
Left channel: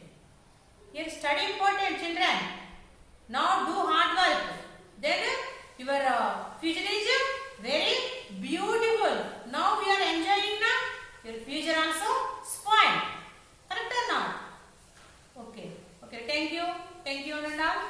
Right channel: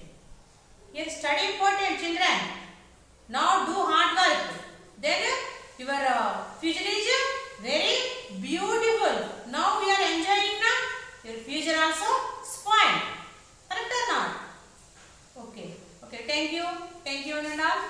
Your study important children. Now do hard work, then your future is very beautiful. Now we are enjoying నా, your future also spoiled. Correct or not? Okay. Thank you and all.